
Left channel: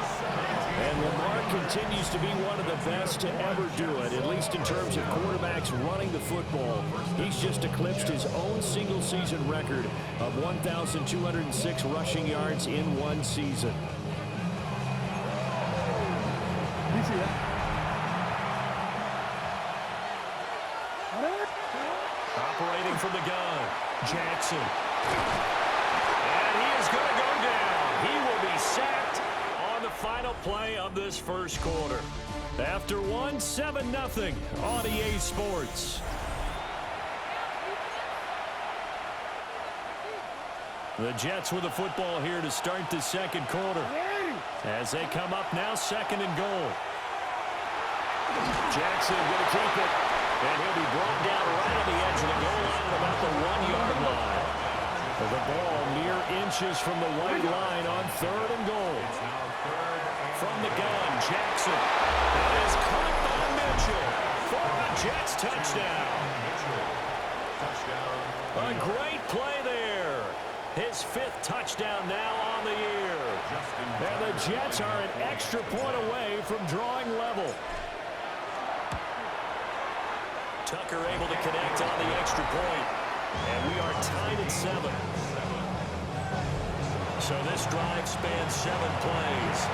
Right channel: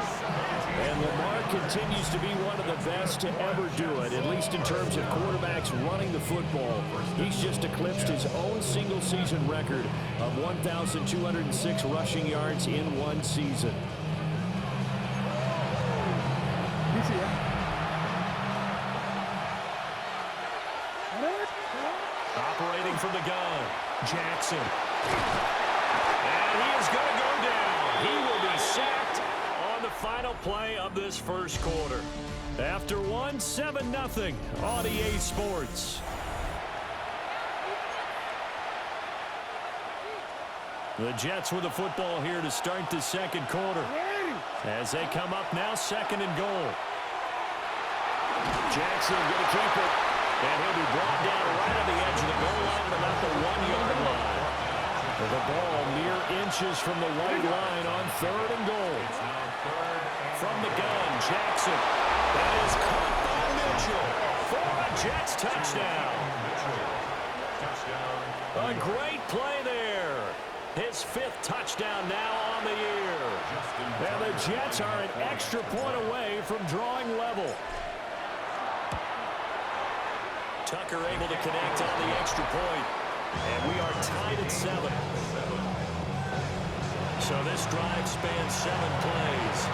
And Lamar continues to be one of the best to ever do it, at least in terms of quarterbacks running the football. He's just eclipsed his own single-season record of 1,206 rushing yards in one season. Operating from the gun, Jackson. And he is going to go down. He will be sacked on the final play of this first quarter. After 7-0 on EA Sports. The Jets with the football here to start the second quarter. As they come up now, second and goal. Jackson going to keep it. And he'll be brought down right on the edge of the goal line at about the 1-yard line. The ball mere inches from the white line on third and goal. From the gun, Jackson. That is caught by Mitchell for a Jets touchdown. A great play there. His 5th touchdown now on the year. And the Jets are an extra point away from drawing level. Tucker able to connect on the extra point. And we are tied at 7. So this drive spans 7 plays.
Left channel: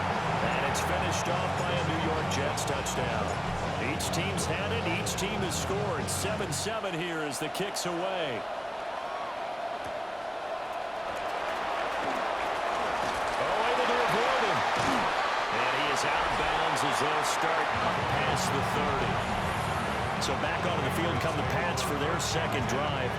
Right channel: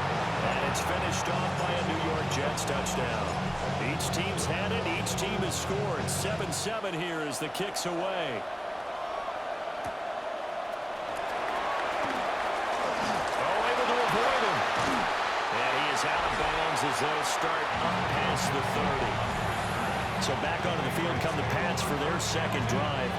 And it's finished off by a New York Jets touchdown. Each team's had it. Each team has scored. 7-7 here as the kick's away. Able to avoid him. And he is out of bounds as they'll start up past the 30. So back onto the field come the Pats for their second drive.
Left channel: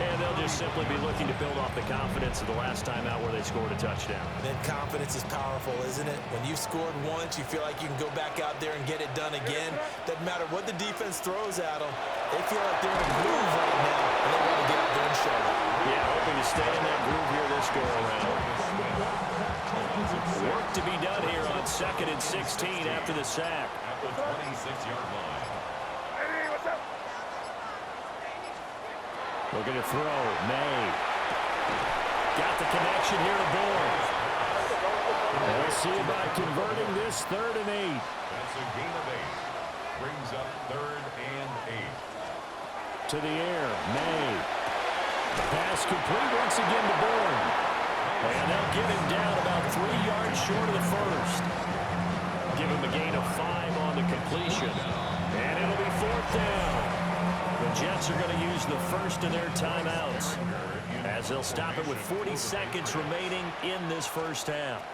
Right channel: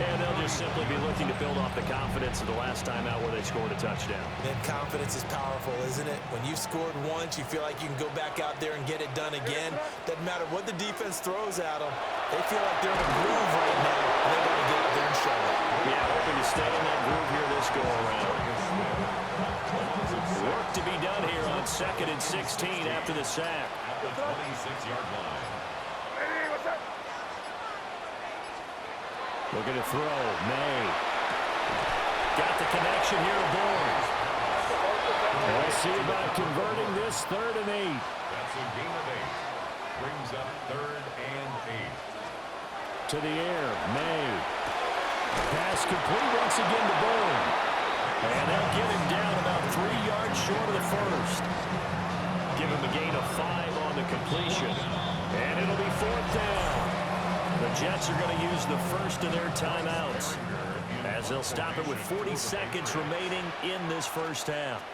And they'll just simply be looking to build off the confidence of the last time out where they scored a touchdown. That confidence is powerful, isn't it? When you've scored once, you feel like you can go back out there and get it done again. Doesn't matter what the defense throws at them. They feel like they're in a groove right now, and they want to get out there and show it. Yeah, hoping to stay in that groove here this go-around. Work to be done here on 2nd and 16 after the sack. At the 26-yard line. Hey, what's up? Looking to throw. May. Got the connection here to Bourne. We'll see about converting this 3rd and 8. That's a gain of 8. Brings up 3rd and 8. To the air. May. Pass complete once again to Bourne. And they'll get him down about 3 yards short of the first. Give him a gain of 5 on the completion. And it'll be 4th down. The Jets are going to use the first of their timeouts as they'll stop it with 40 seconds remaining in this first half.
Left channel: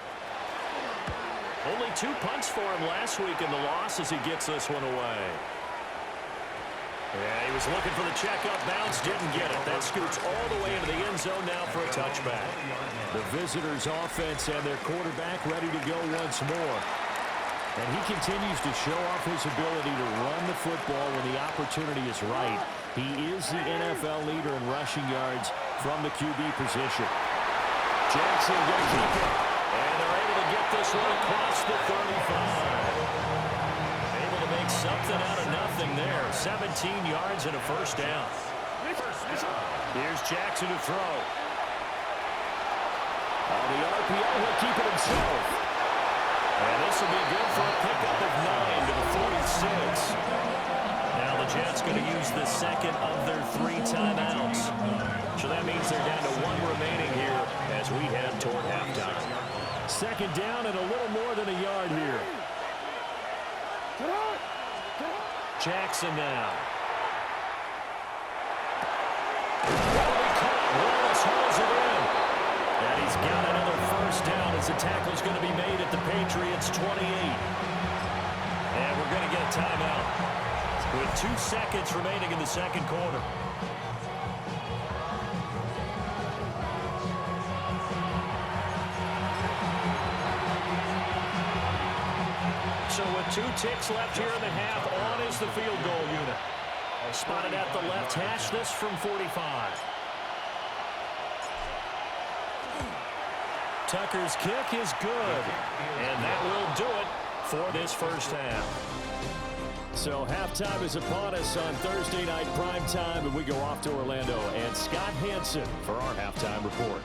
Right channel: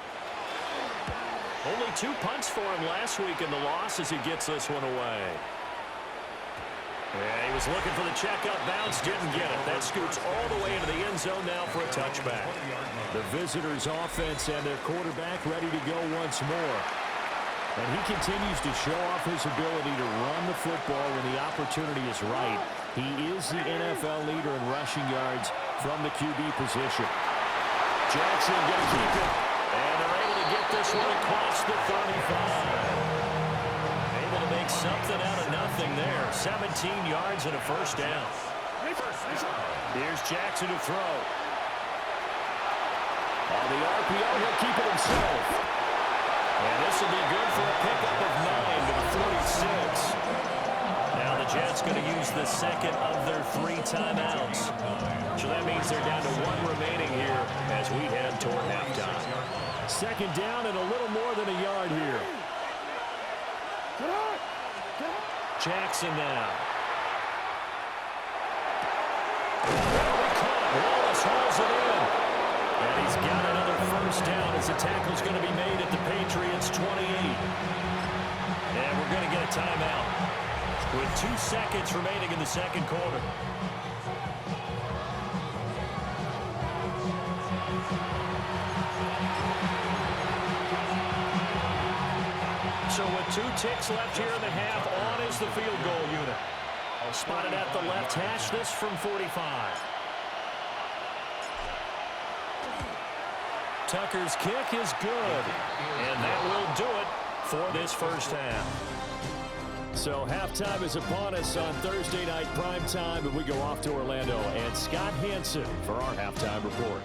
Only 2 punts for him last week in the loss as he gets this one away. Yeah, he was looking for the checkup bounce, didn't get it. That scoots all the way into the end zone now for a touchback. The visitors' offense and their quarterback ready to go once more. And he continues to show off his ability to run the football when the opportunity is right. He is the NFL leader in rushing yards from the QB position. Jackson going to keep it. And they're able to get this one across the 35. Able to make something out of nothing there. 17 yards and a first down. Here's Jackson to throw. On the RPO, he'll keep it himself. And this will be good for a pickup of 9 to the 46. Now the Jets going to use the second of their 3 timeouts. So that means they're down to 1 remaining here as we head toward halftime. Second down and a little more than a yard here. Jackson now. That'll be caught. Wallace hauls it in. And he's got another first down as the tackle's going to be made at the Patriots' 28. And we're going to get a timeout with 2 seconds remaining in the second quarter. So with 2 ticks left here in the half, on is the field goal unit. Spotted at the left hash, this from 45. Tucker's kick is good. And that will do it for this first half. So halftime is upon us on Thursday night primetime, and we go off to Orlando. And Scott Hansen for our halftime report.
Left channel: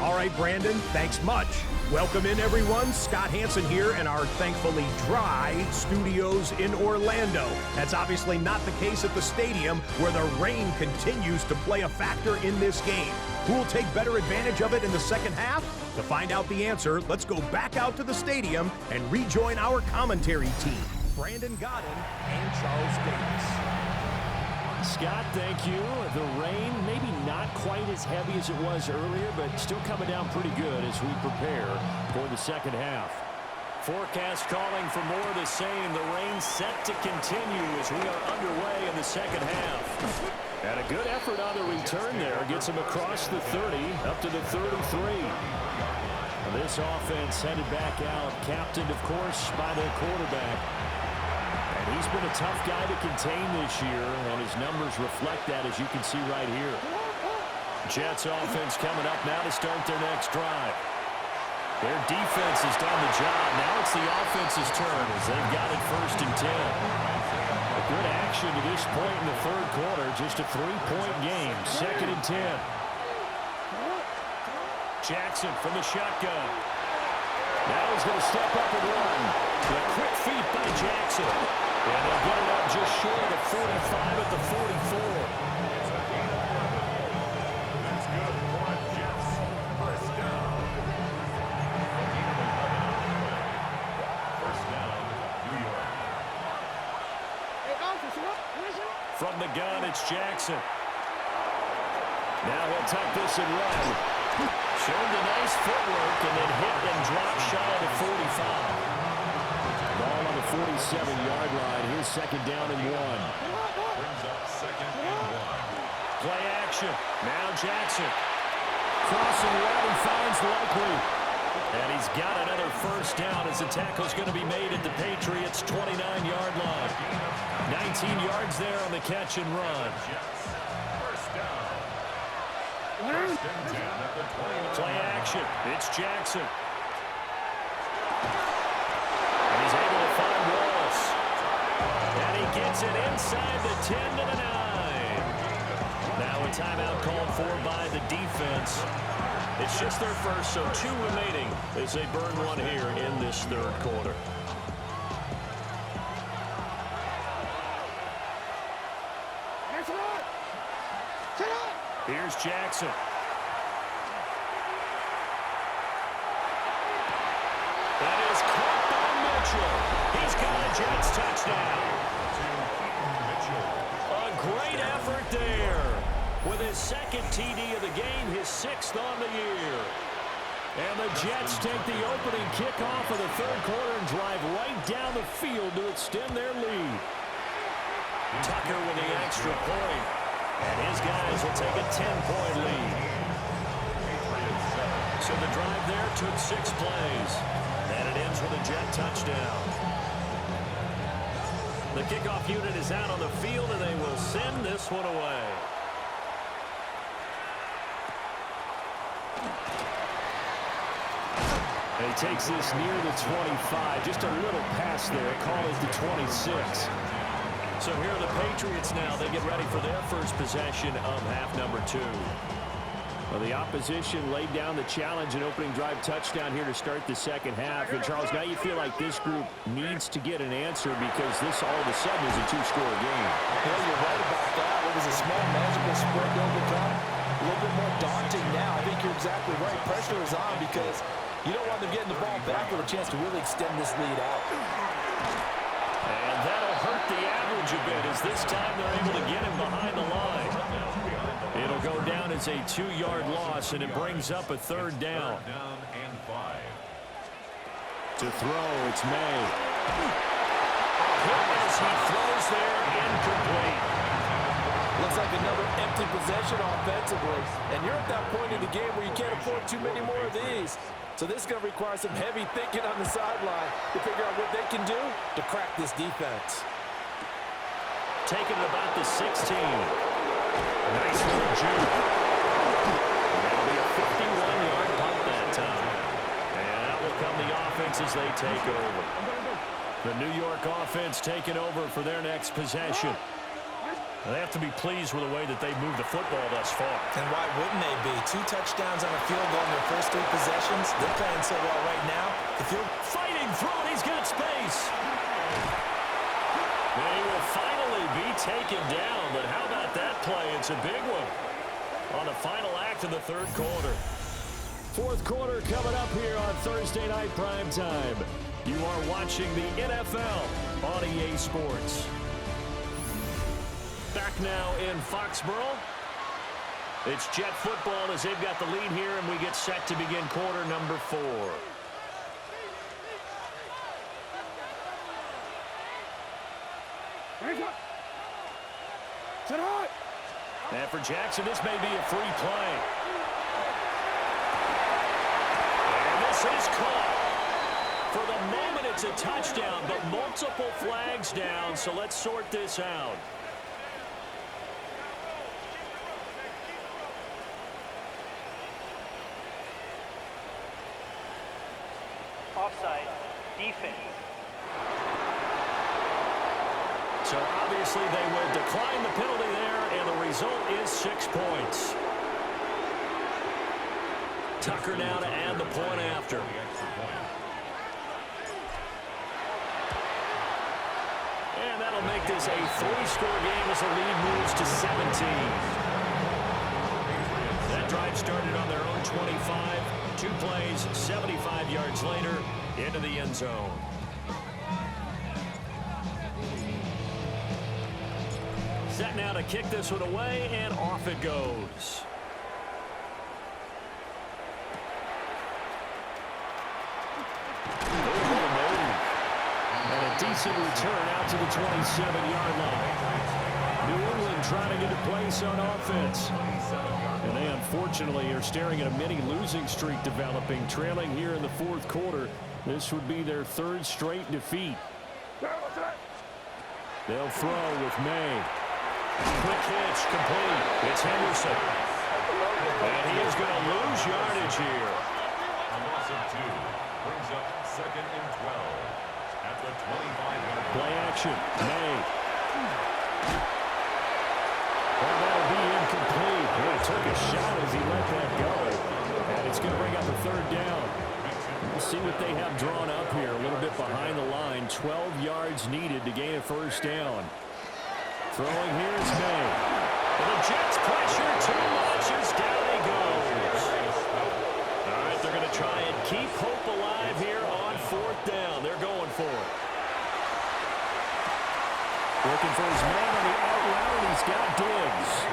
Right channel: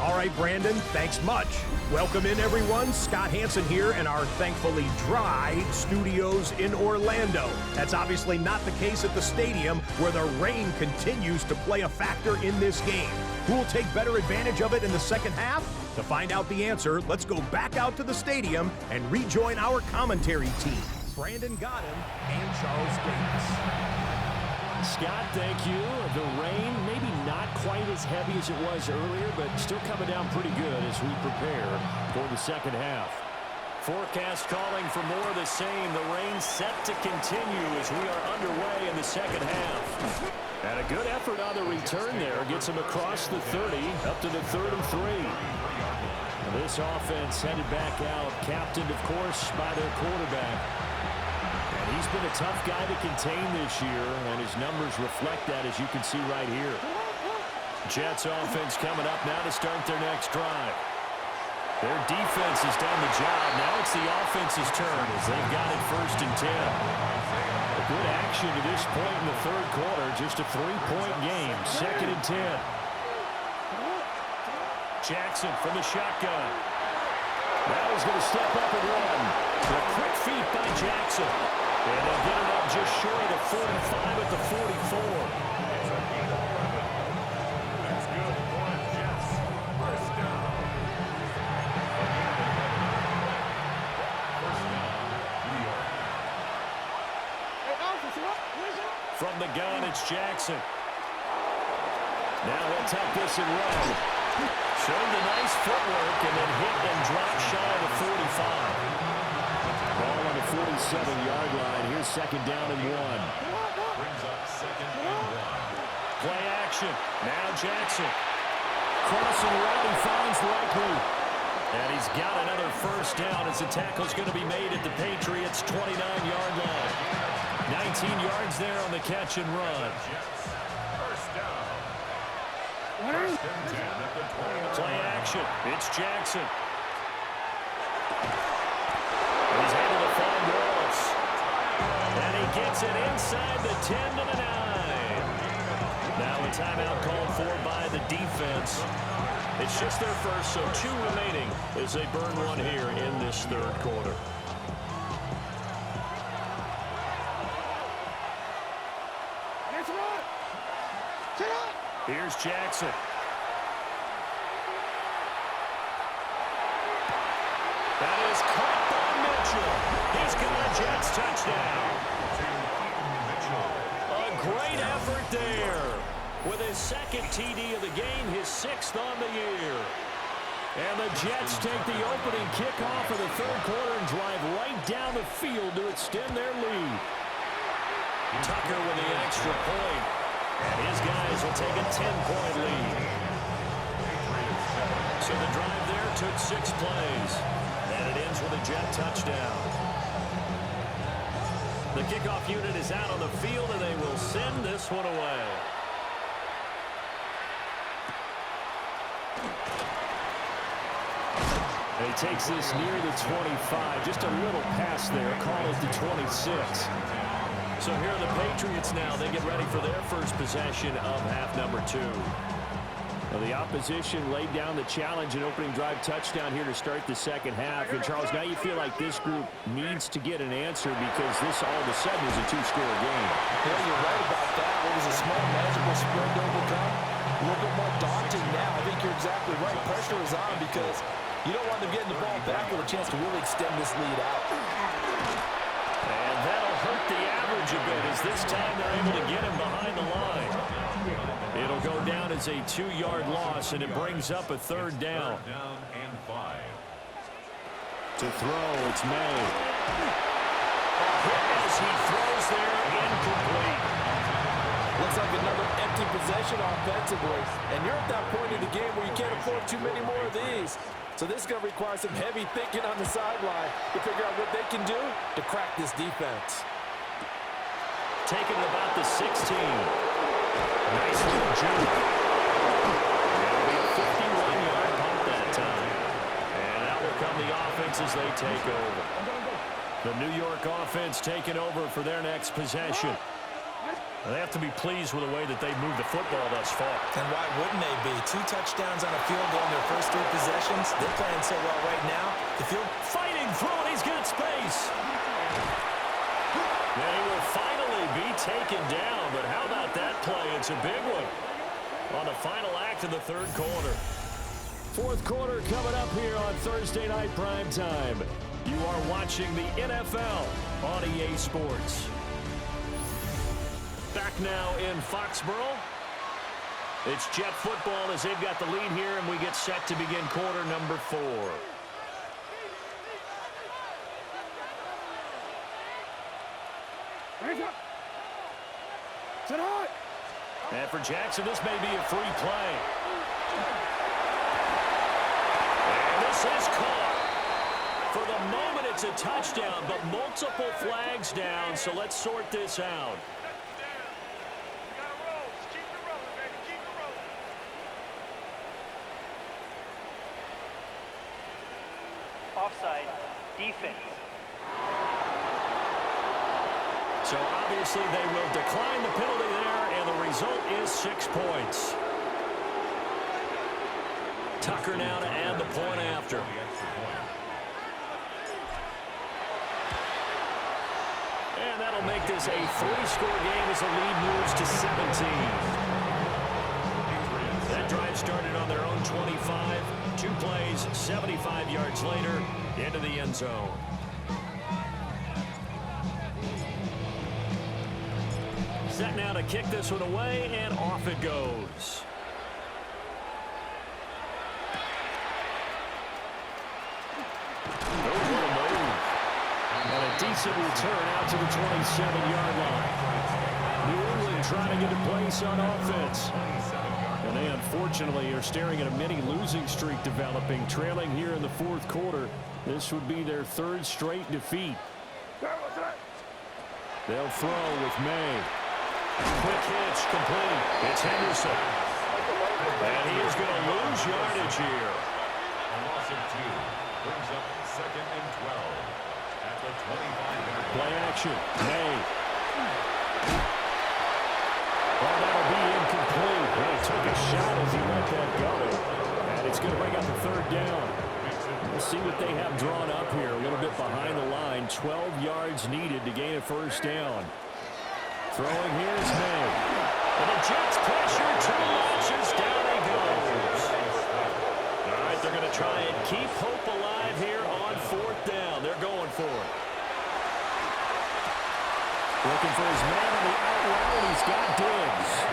All right, Brandon, thanks much. Welcome in, everyone. Scott Hansen here in our thankfully dry studios in Orlando. That's obviously not the case at the stadium, where the rain continues to play a factor in this game. Who will take better advantage of it in the second half? To find out the answer, let's go back out to the stadium and rejoin our commentary team, Brandon Godden and Charles Davis. Scott, thank you. The rain, maybe not quite as heavy as it was earlier, but still coming down pretty good as we prepare for the second half. Forecast calling for more of the same. The rain set to continue as we are underway in the second half. And a good effort on the return there. Gets him across the 30, up to the 33. This offense headed back out, captained, of course, by their quarterback. And he's been a tough guy to contain this year, and his numbers reflect that, as you can see right here. Jets offense coming up now to start their next drive. Their defense has done the job. Now it's the offense's turn as they've got it 1st and 10. A good action to this point in the third quarter. Just a 3-point game. 2nd and 10. Jackson from the shotgun. Now he's going to step up and run. The quick feet by Jackson. And they'll get it up just short of the 45 at the 44. That's good for the Jets. First down. First down, New York. From the gun, it's Jackson. Now he'll tuck this and run. Showed the nice footwork and then hit and drop shy of the 45. Ball on the 47-yard line. Here's 2nd down and 1. Brings up 2nd and 1. Play action. Now Jackson. Crossing route, he finds Likely. And he's got another first down as the tackle's going to be made at the Patriots' 29-yard line. 19 yards there on the catch and run. First down. 1st and 10 at the 29. Play action. It's Jackson. And he's able to find Wallace. And he gets it inside the 10 to the 9. Now a timeout called for by the defense. It's just their first, so 2 remaining as they burn one here in this third quarter. Here's Jackson. That is caught by Mitchell. He's got a Jets touchdown. A great effort there. With his 2nd TD of the game, his 6th on the year. And the Jets take the opening kickoff of the third quarter and drive right down the field to extend their lead. Tucker with the extra point. And his guys will take a 10-point lead. So the drive there took 6 plays. And it ends with a Jet touchdown. The kickoff unit is out on the field, and they will send this one away. And he takes this near the 25. Just a little pass there. Call it the 26. So here are the Patriots now. They get ready for their first possession of half number 2. Well, the opposition laid down the challenge and opening drive touchdown here to start the second half. And, Charles, now you feel like this group needs to get an answer because this all of a sudden is a 2-score game. Yeah, you're right about that. What was a small, manageable spread to overcome? A little bit more daunting now. I think you're exactly right. Pressure is on because you don't want them getting the ball back with a chance to really extend this lead out. And that'll hurt the average a bit as this time they're able to get him behind the line. It'll go down as a 2-yard loss, and it brings up a 3rd down. To throw, it's May. A hit as he throws there, incomplete. Looks like another empty possession offensively. And you're at that point in the game where you can't afford too many more of these. So this is going to require some heavy thinking on the sideline to figure out what they can do to crack this defense. Taking it about the 16. Nice little juke. It'll be a 51-yard punt that time. And out will come the offense as they take over. The New York offense taking over for their next possession. They have to be pleased with the way that they've moved the football thus far. And why wouldn't they be? 2 touchdowns on a field goal in their first 3 possessions. They're playing so well right now. The field fighting through it. He's got space. And he will finally be taken down. But how about that play? It's a big one on the final act of the 3rd quarter. 4th quarter coming up here on Thursday Night Primetime. You are watching the NFL on EA Sports. Back now in Foxborough. It's Jet football as they've got the lead here, and we get set to begin quarter number 4. Hands up. Sit high. And for Jackson, this may be a free play. And this is caught. For the moment, it's a touchdown, but multiple flags down, so let's sort this out. Offside, defense. So obviously they will decline the penalty there, and the result is 6 points. Tucker now to add the point after. And that'll make this a 3-score game as the lead moves to 17. That drive started on their own 25. 2 plays, 75 yards later, into the end zone. Set now to kick this one away, and off it goes. Oh, what a move. And a decent return out to the 27-yard line. New England trying to get a place on offense. And they unfortunately are staring at a mini losing streak developing, trailing here in the 4th quarter. This would be their 3rd straight defeat. They'll throw with May. Quick hitch, complete. It's Henderson. And he is going to lose yardage here. A loss of 2 brings up 2nd and 12 at the 25-yard line. Play action, May. Well, that'll be incomplete. He took a shot as he let that go. And it's going to bring up a 3rd down. We'll see what they have drawn up here. A little bit behind the line. 12 yards needed to gain a 1st down. Throwing here is May. And the Jets pressure too much as down he goes. All right, they're going to try and keep hope alive here on 4th down. They're going for it. Looking for his man on the out route. He's got Diggs.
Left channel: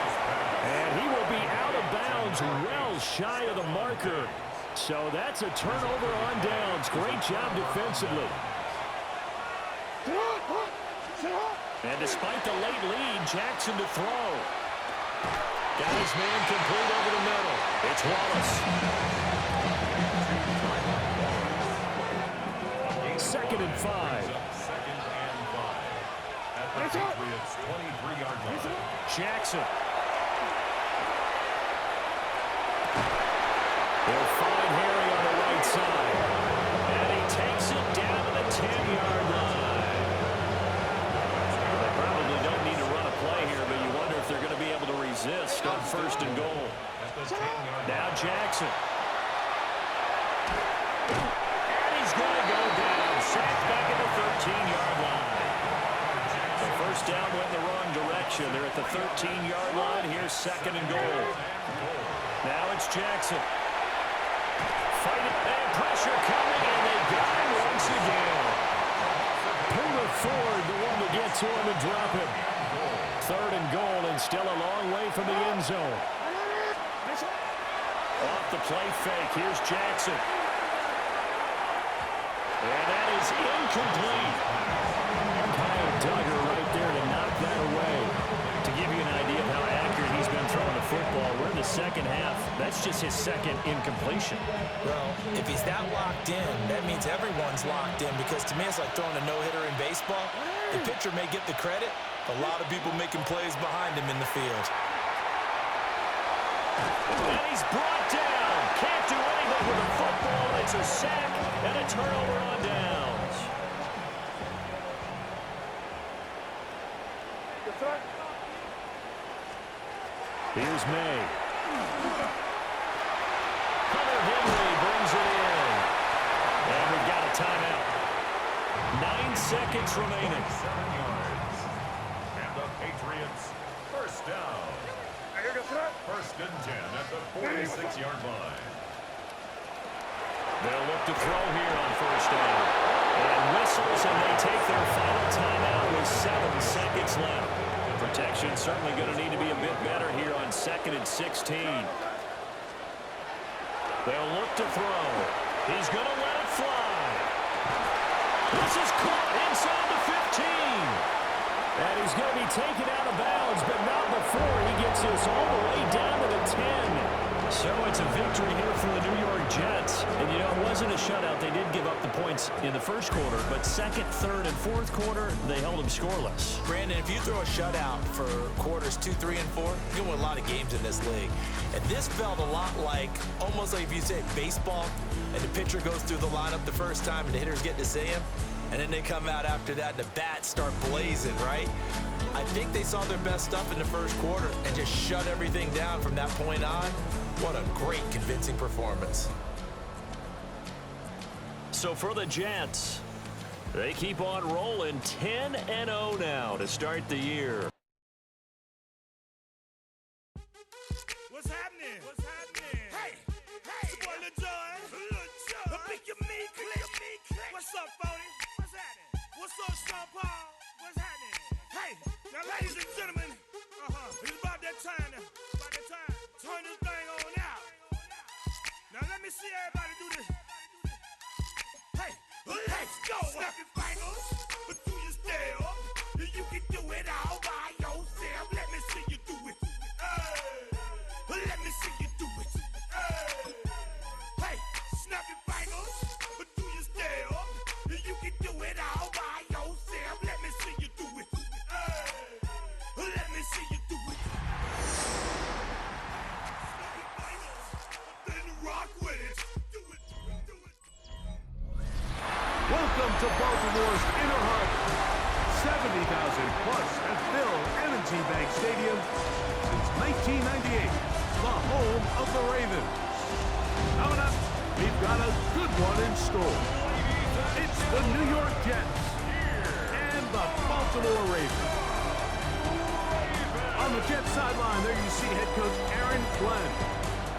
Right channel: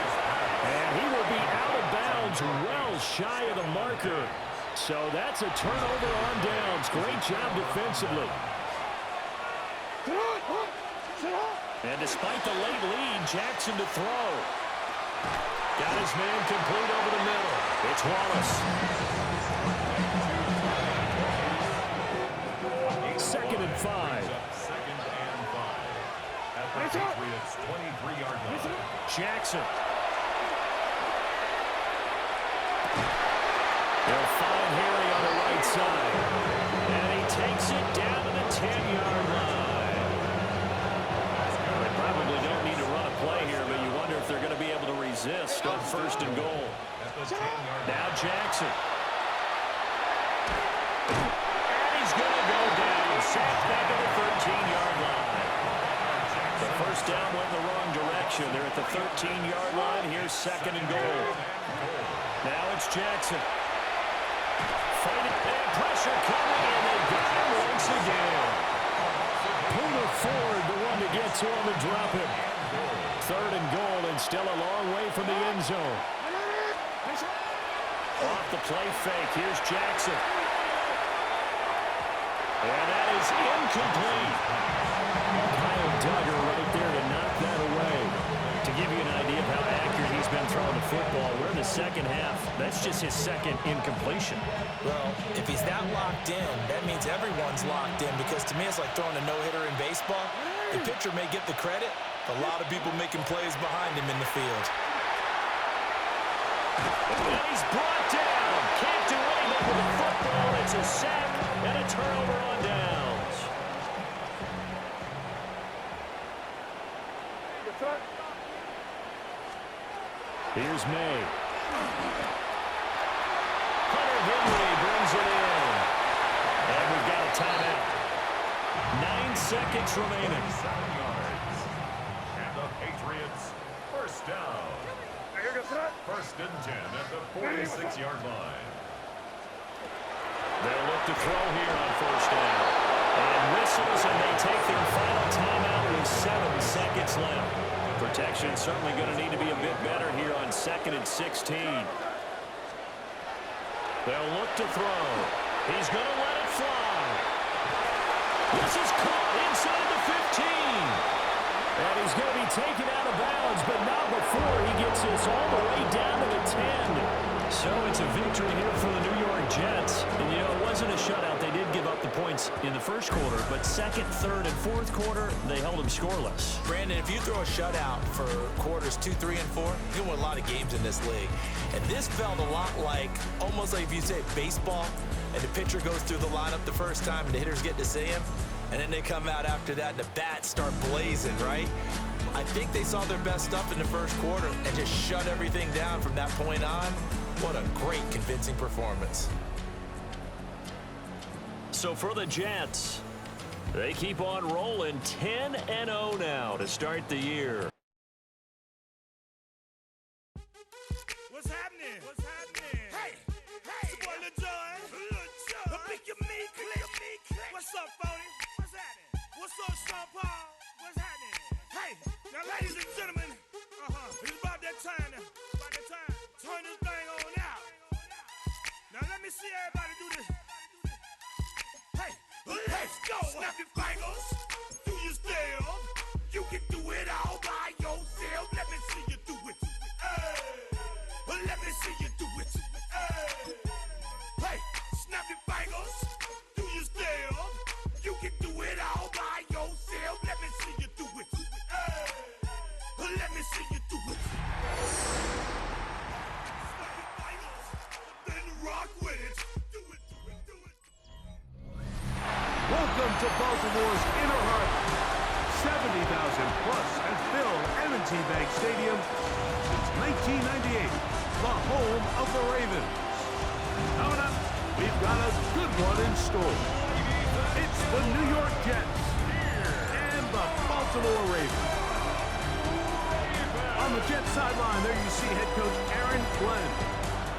And he will be out of bounds well shy of the marker. So that's a turnover on downs. Great job defensively. And despite the late lead, Jackson to throw. Got his man complete over the middle. It's Wallace. 2nd and 5. 2nd and 5 at the Patriots' 23-yard line. Jackson. They'll find Harry on the right side. And he takes it down to the 10-yard line. Well, they probably don't need to run a play here, but you wonder if they're going to be able to resist on 1st and goal. Now Jackson. And he's going to go down. Sacked back at the 13-yard line. The first down went in the wrong direction. They're at the 13-yard line. Here's 2nd and goal. Now it's Jackson. Fighting and pressure coming, and they got him once again. Puna Ford, the one to get to him and drop him. 3rd and goal, and still a long way from the end zone. Off the play fake, here's Jackson. And that is incomplete. Kyle Duggar right there to knock that away. To give you an idea of how accurate he's been throwing the football, we're in the second half. That's just his 2nd incompletion. Well, if he's that locked in, that means everyone's locked in, because to me it's like throwing a no-hitter in baseball. The pitcher may get the credit, a lot of people making plays behind him in the field. And he's brought down. Can't do anything with the football. It's a sack and a turnover on downs. Here's May. Hunter Henry brings it in. And we've got a timeout. 9 seconds remaining. 7 yards. And the Patriots, 1st down. 1st and 10 at the 46-yard line. They'll look to throw here on 1st down. And whistles, and they take their final timeout with 7 seconds left. Protection certainly going to need to be a bit better here on 2nd and 16. They'll look to throw. He's going to let it fly. This is caught inside the 15. And he's going to be taken out of bounds, but not before he gets this all the way down to the 10. So it's a victory here for the New York Jets. And, you know, it wasn't a shutout. They did give up the points in the 1st quarter, but 2nd, 3rd, and 4th quarter, they held them scoreless. Brandon, if you throw a shutout for quarters 2, 3, and 4, you're going to win a lot of games in this league. And this felt a lot like, almost like if you say baseball, and the pitcher goes through the lineup the first time and the hitters get to see him, and then they come out after that and the bats start blazing, right? I think they saw their best stuff in the 1st quarter and just shut everything down from that point on. What a great, convincing performance. So for the Jets, they keep on rolling 10-0 now to start the year. What's happening? What's happening? Hey, it's your boy Lil Jon. Pick your meat click. What's up, Phony? What's happening? What's up, Sean Paul? What's happening? Hey, now, ladies and gentlemen, it's about that time. Turn this thing on out. Now, let me see everybody do this. Hey, let's go. Snap your fingers, but do you still? You can do it all by yourself. Let me see you do it. Let me see you do it. Hey, snap your fingers, but do you still? You can do it all by yourself. Let me see you do it. Let me see you do it. Snap your fingers, then rock with it. Do it, do it, do it. Welcome to Baltimore's inner harbor. 70,000 plus have filled M&T Bank Stadium since 1998, the home of the Ravens. Coming up, we've got a good one in store. It's the New York Jets and the Baltimore Ravens. On the Jets sideline, there you see head coach Aaron Glenn.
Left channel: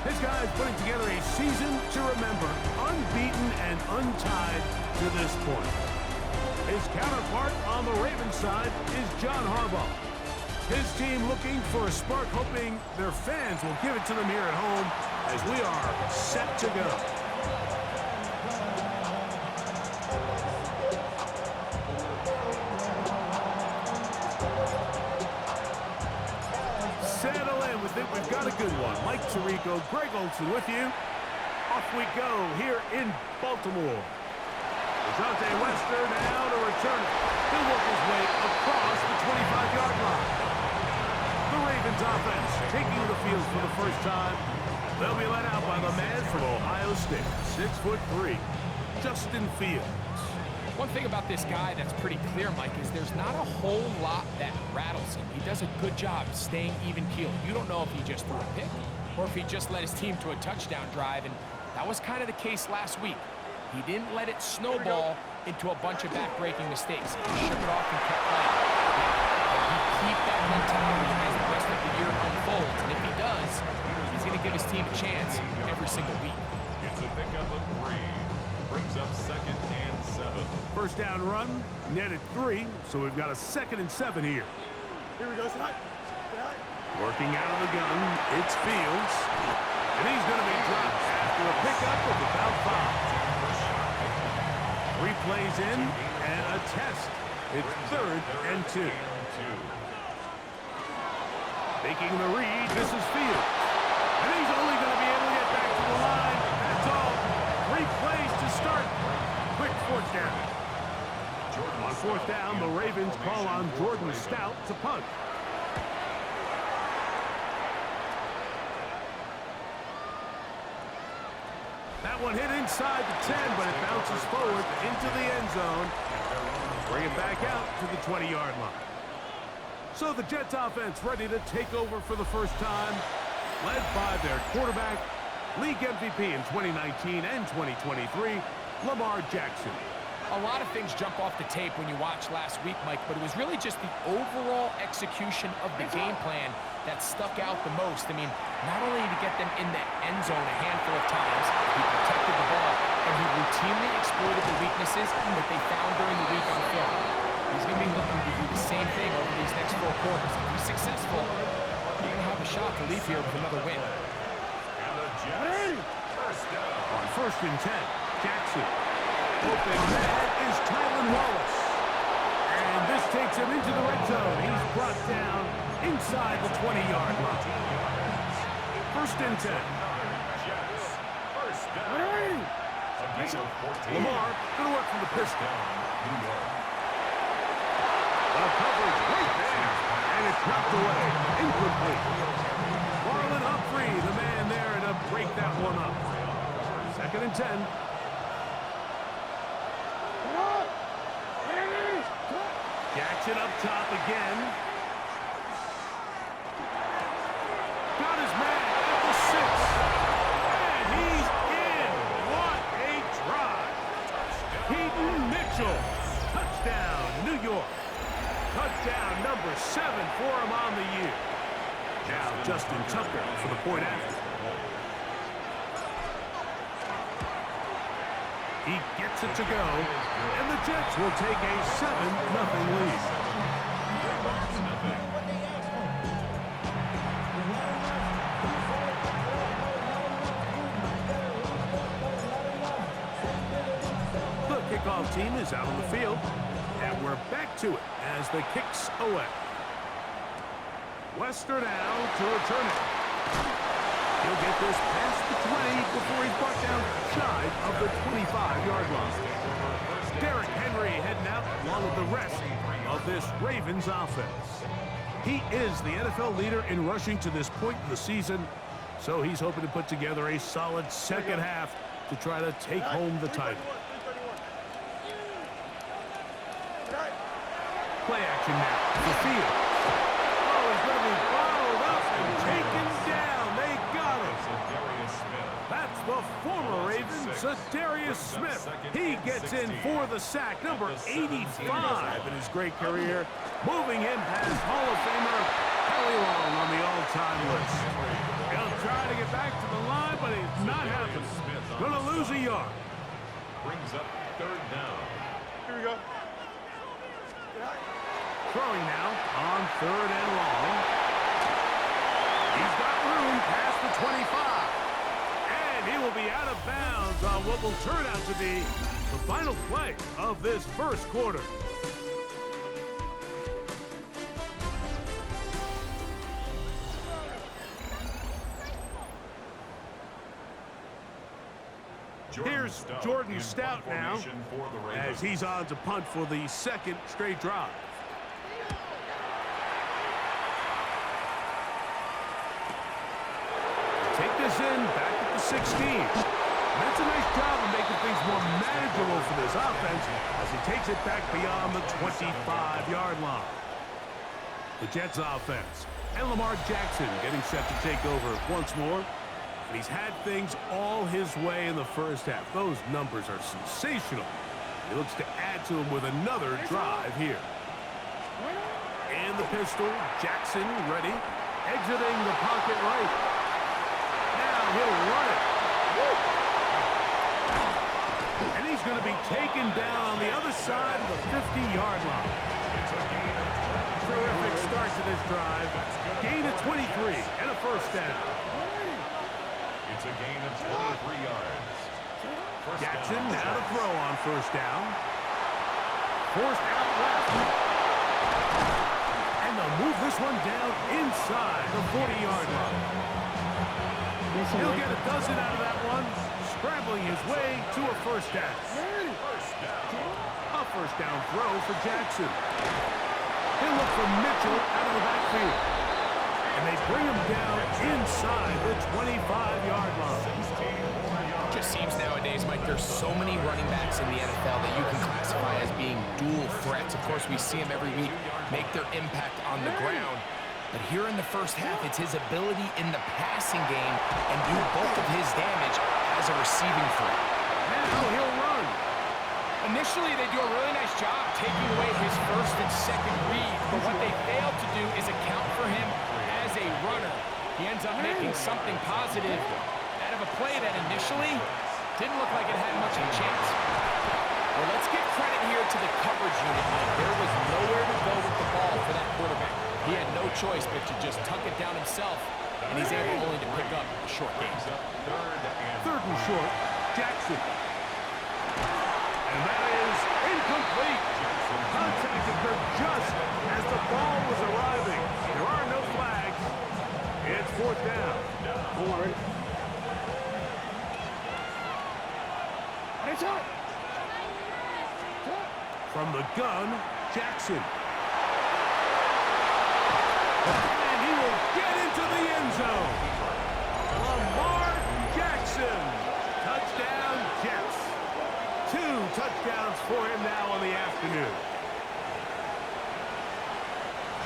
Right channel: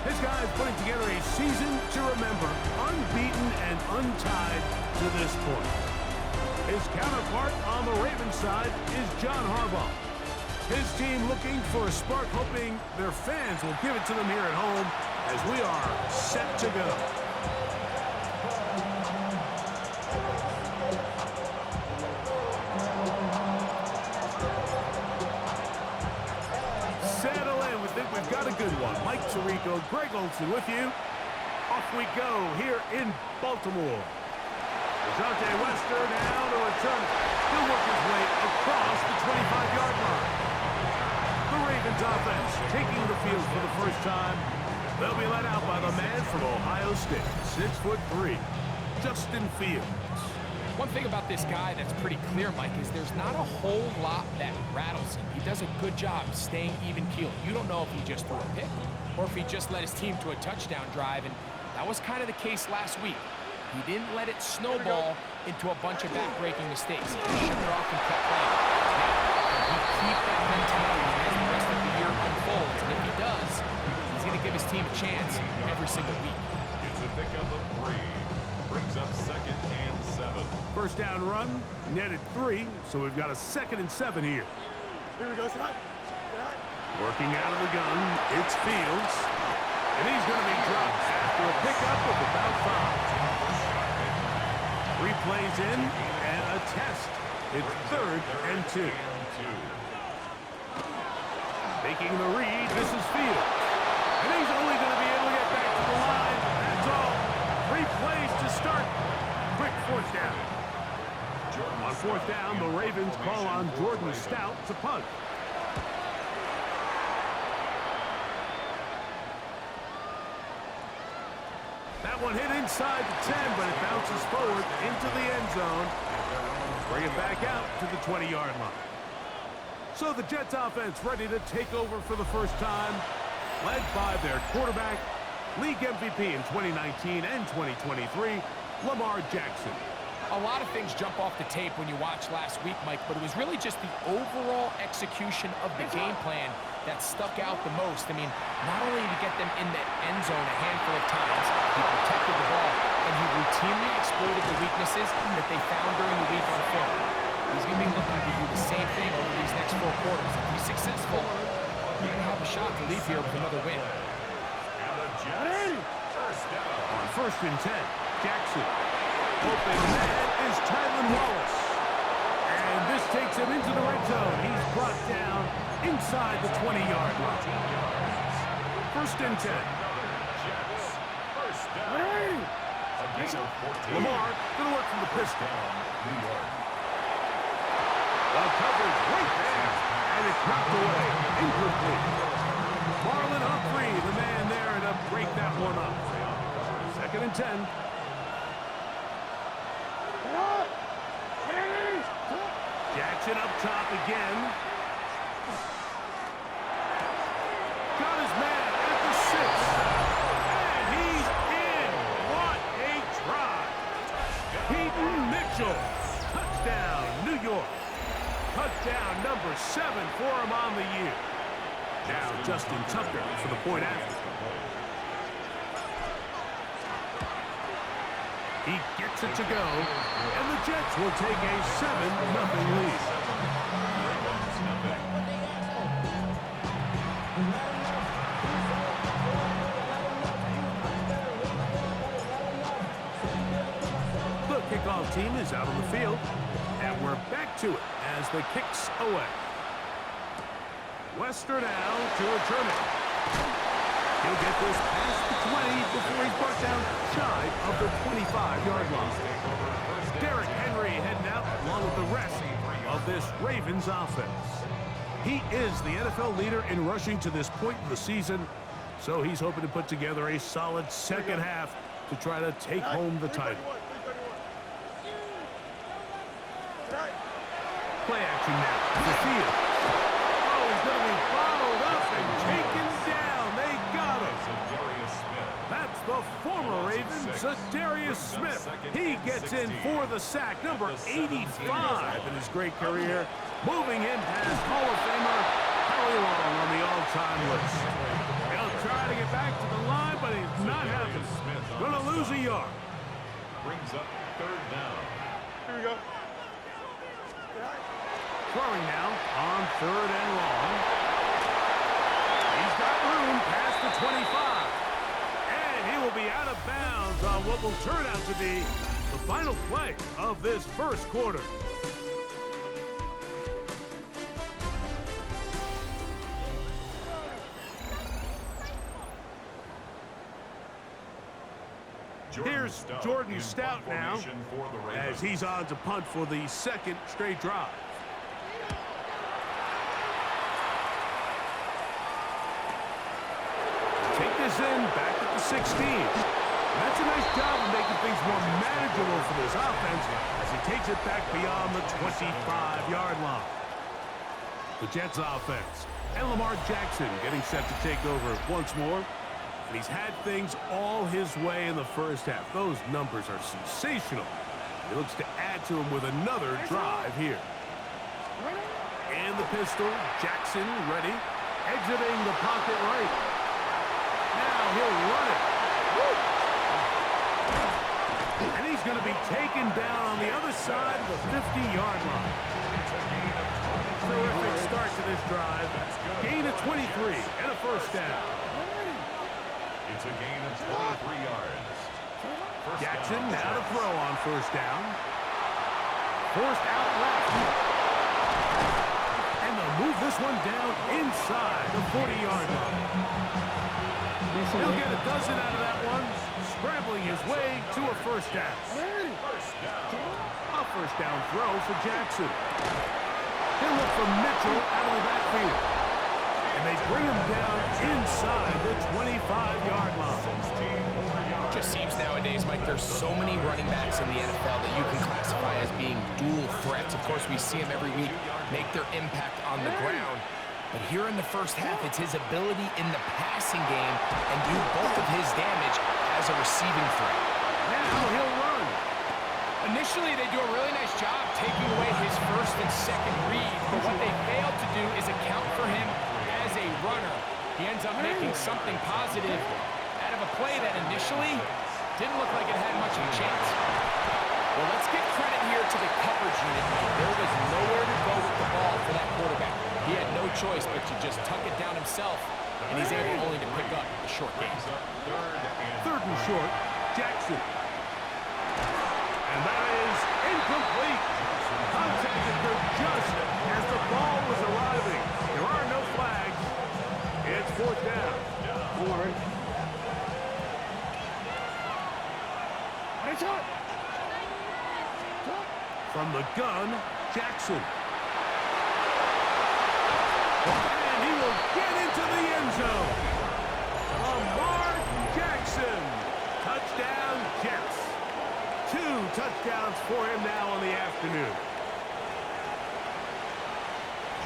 His guys putting together a season to remember, unbeaten and untied to this point. His counterpart on the Ravens side is John Harbaugh. His team looking for a spark, hoping their fans will give it to them here at home as we are set to go. Settle in. We think we've got a good one. Mike Tirico, Greg Olson with you. Off we go here in Baltimore. Dejounte Wester now to return it. He'll work his way across the 25-yard line. The Ravens offense taking the field for the first time. They'll be led out by the man from Ohio State, 6'3". Justin Fields. One thing about this guy that's pretty clear, Mike, is there's not a whole lot that rattles him. He does a good job staying even-keeled. You don't know if he just threw a pick or if he just led his team to a touchdown drive, and that was kind of the case last week. He didn't let it snowball into a bunch of back-breaking mistakes. He shook it off and kept playing. Now, can he keep that mentality as the rest of the year unfolds? And if he does, he's going to give his team a chance every single week. It's a pickup of 3. Brings up 2nd and 7. First down run, netted 3, so we've got a 2nd and 7 here. Here we go. Sit high. Working out of the gun, it's Fields. And he's going to be dropped after a pickup of about 5. 3 plays in and a test. It's 3rd and 2. Making the read, this is Fields. And he's only going to be able to get back to the line. That's all. 3 plays to start. Quick 4th down. On 4th down, the Ravens call on Jordan Stout to punt. That one hit inside the 10, but it bounces forward into the end zone. Bring it back out to the 20-yard line. So the Jets offense ready to take over for the first time, led by their quarterback, league MVP in 2019 and 2023, Lamar Jackson. A lot of things jump off the tape when you watch last week, Mike, but it was really just the overall execution of the game plan that stuck out the most. I mean, not only did he get them in the end zone a handful of times, he protected the ball, and he routinely exploited the weaknesses that they found during the week on film. He's going to be looking to do the same thing over these next 4 quarters. If he's successful, you're going to have a shot to leave here with another win. On 1st and 10, Jackson. Open man is Tylan Wallace. And this takes him into the red zone. He's brought down inside the 20-yard line. 1st and 10. Lamar going to work from the pistol. Well, coverage right there. And it's knocked away. Incomplete. Marlon Humphrey, the man there to break that one up. 2nd and 10. Jackson up top again. Got his man at the 6. And he's in. What a try. Peyton Mitchell. Touchdown, New York. Touchdown number 7 for him on the year. Now Justin Tucker for the point after. He gets it to go, and the Jets will take a 7-0 lead. The kickoff team is out on the field, and we're back to it as the kicks away. Wester now to return it. He'll get this past the 20 before he's brought down shy of the 25-yard line. Derrick Henry heading out along with the rest of this Ravens offense. He is the NFL leader in rushing to this point in the season, so he's hoping to put together a solid second half to try to take home the title. Play action now for Fields. Oh, he's going to be bottled up and taken down. They got him. That's the former Raven, Zadarius Smith. He gets in for the sack, number 85 in his great career, moving him past Hall of Famer Howie Long on the all-time list. He'll try to get back to the line, but it's not happening. Going to lose a yard. Brings up 3rd down. Here we go. Throwing now on 3rd and long. He's got room past the 25. And he will be out of bounds on what will turn out to be the final play of this first quarter. Here's Jordan Stout now as he's on to punt for the 2nd straight drive. Take this in back at the 16. That's a nice job of making things more manageable for this offense as he takes it back beyond the 25-yard line. The Jets offense and Lamar Jackson getting set to take over once more. And he's had things all his way in the first half. Those numbers are sensational. He looks to add to them with another drive here. And the pistol, Jackson ready, exiting the pocket right. Now he'll run it. And he's going to be taken down on the other side of the 50-yard line. Terrific start to this drive. Gain of 23 and a first down. It's a gain of 23 yards. Jackson now to throw on first down. Forced out left. And they'll move this one down inside the 40-yard line. He'll get a dozen out of that one, scrambling his way to a first down. A first down throw for Jackson. He'll look for Mitchell out of the backfield. And they bring him down inside the 25-yard line. Just seems nowadays, Mike, there's so many running backs in the NFL that you can classify as being dual threats. Of course, we see them every week make their impact on the ground. But here in the first half, it's his ability in the passing game and do bulk of his damage as a receiving threat. Now he'll run. Initially, they do a really nice job taking away his first and second reads, but what they failed to do is account for him as a runner. He ends up making something positive out of a play that initially didn't look like it had much of a chance. Well, let's give credit here to the coverage unit, Mike. There was nowhere to go with the ball for that quarterback. He had no choice but to just tuck it down himself, and he's able only to pick up a short gain. Third and short, Jackson. And that is incomplete. Contact occurred just as the ball was arriving. There are no flags. It's fourth down. Don't worry. It's up. From the gun, Jackson. And he will get into the end zone. Lamar Jackson. Touchdown, Jets. 2 touchdowns for him now on the afternoon.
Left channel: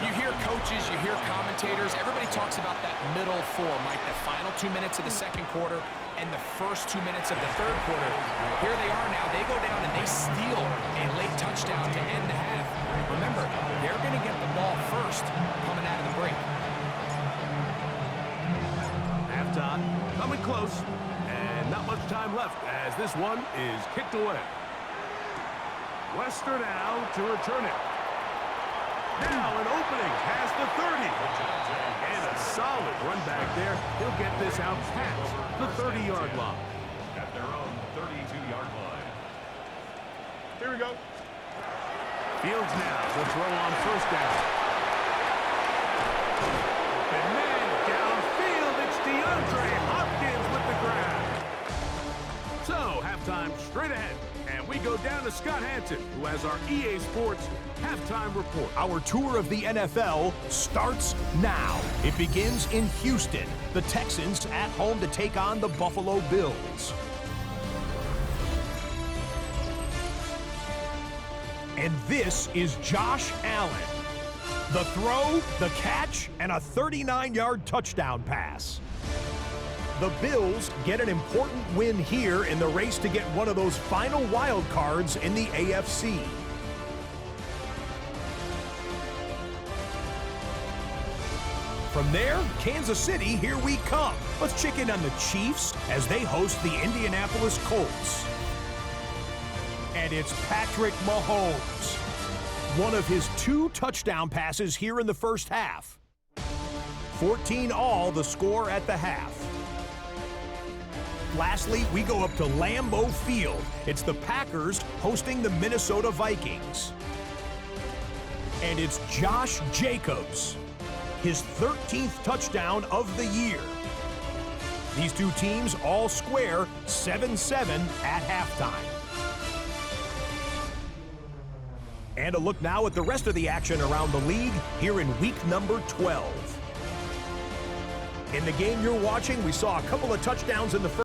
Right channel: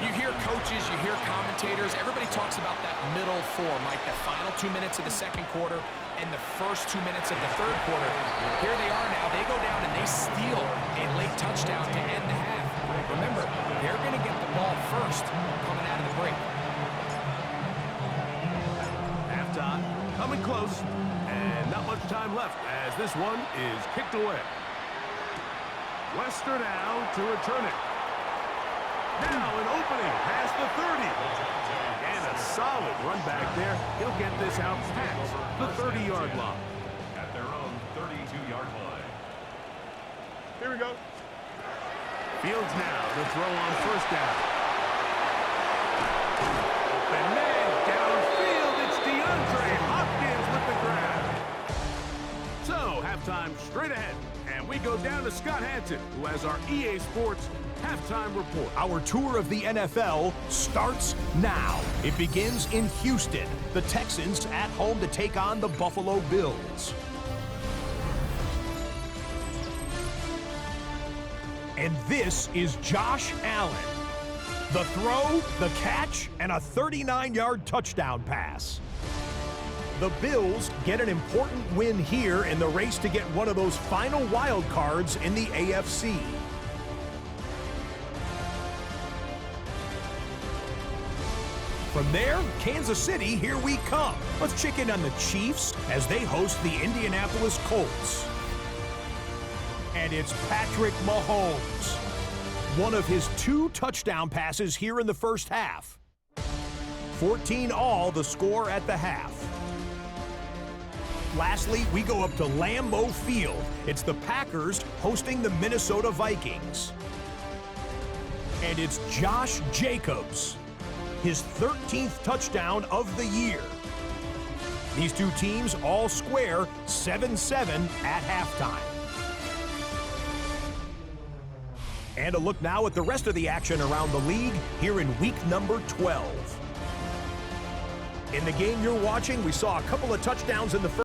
You hear coaches, you hear commentators, everybody talks about that middle four, Mike, the final 2 minutes of the second quarter and the first 2 minutes of the third quarter. Here they are now. They go down and they steal a late touchdown to end the half. Remember, they're going to get the ball first coming out of the break. Halftime coming close, and not much time left as this one is kicked away. Lester now to return it. Now an opening past the 30. And a solid run back there. He'll get this out past the 30-yard line. At their own 32-yard line. Here we go. Fields now to throw on first down. Open man downfield. It's DeAndre Hopkins with the grab. So halftime straight ahead. And we go down to Scott Hanson, who has our EA Sports halftime report. Our tour of the NFL starts now. It begins in Houston. The Texans at home to take on the Buffalo Bills. And this is Josh Allen. The throw, the catch, and a 39-yard touchdown pass. The Bills get an important win here in the race to get one of those final wild cards in the AFC. From there, Kansas City, here we come. Let's check in on the Chiefs as they host the Indianapolis Colts. And it's Patrick Mahomes. One of his 2 touchdown passes here in the first half. 14 all the score at the half. Lastly, we go up to Lambeau Field. It's the Packers hosting the Minnesota Vikings. And it's Josh Jacobs, his 13th touchdown of the year. These two teams all square 7-7 at halftime. And a look now at the rest of the action around the league here in week number 12. In the game you're watching, we saw a couple of touchdowns in the first.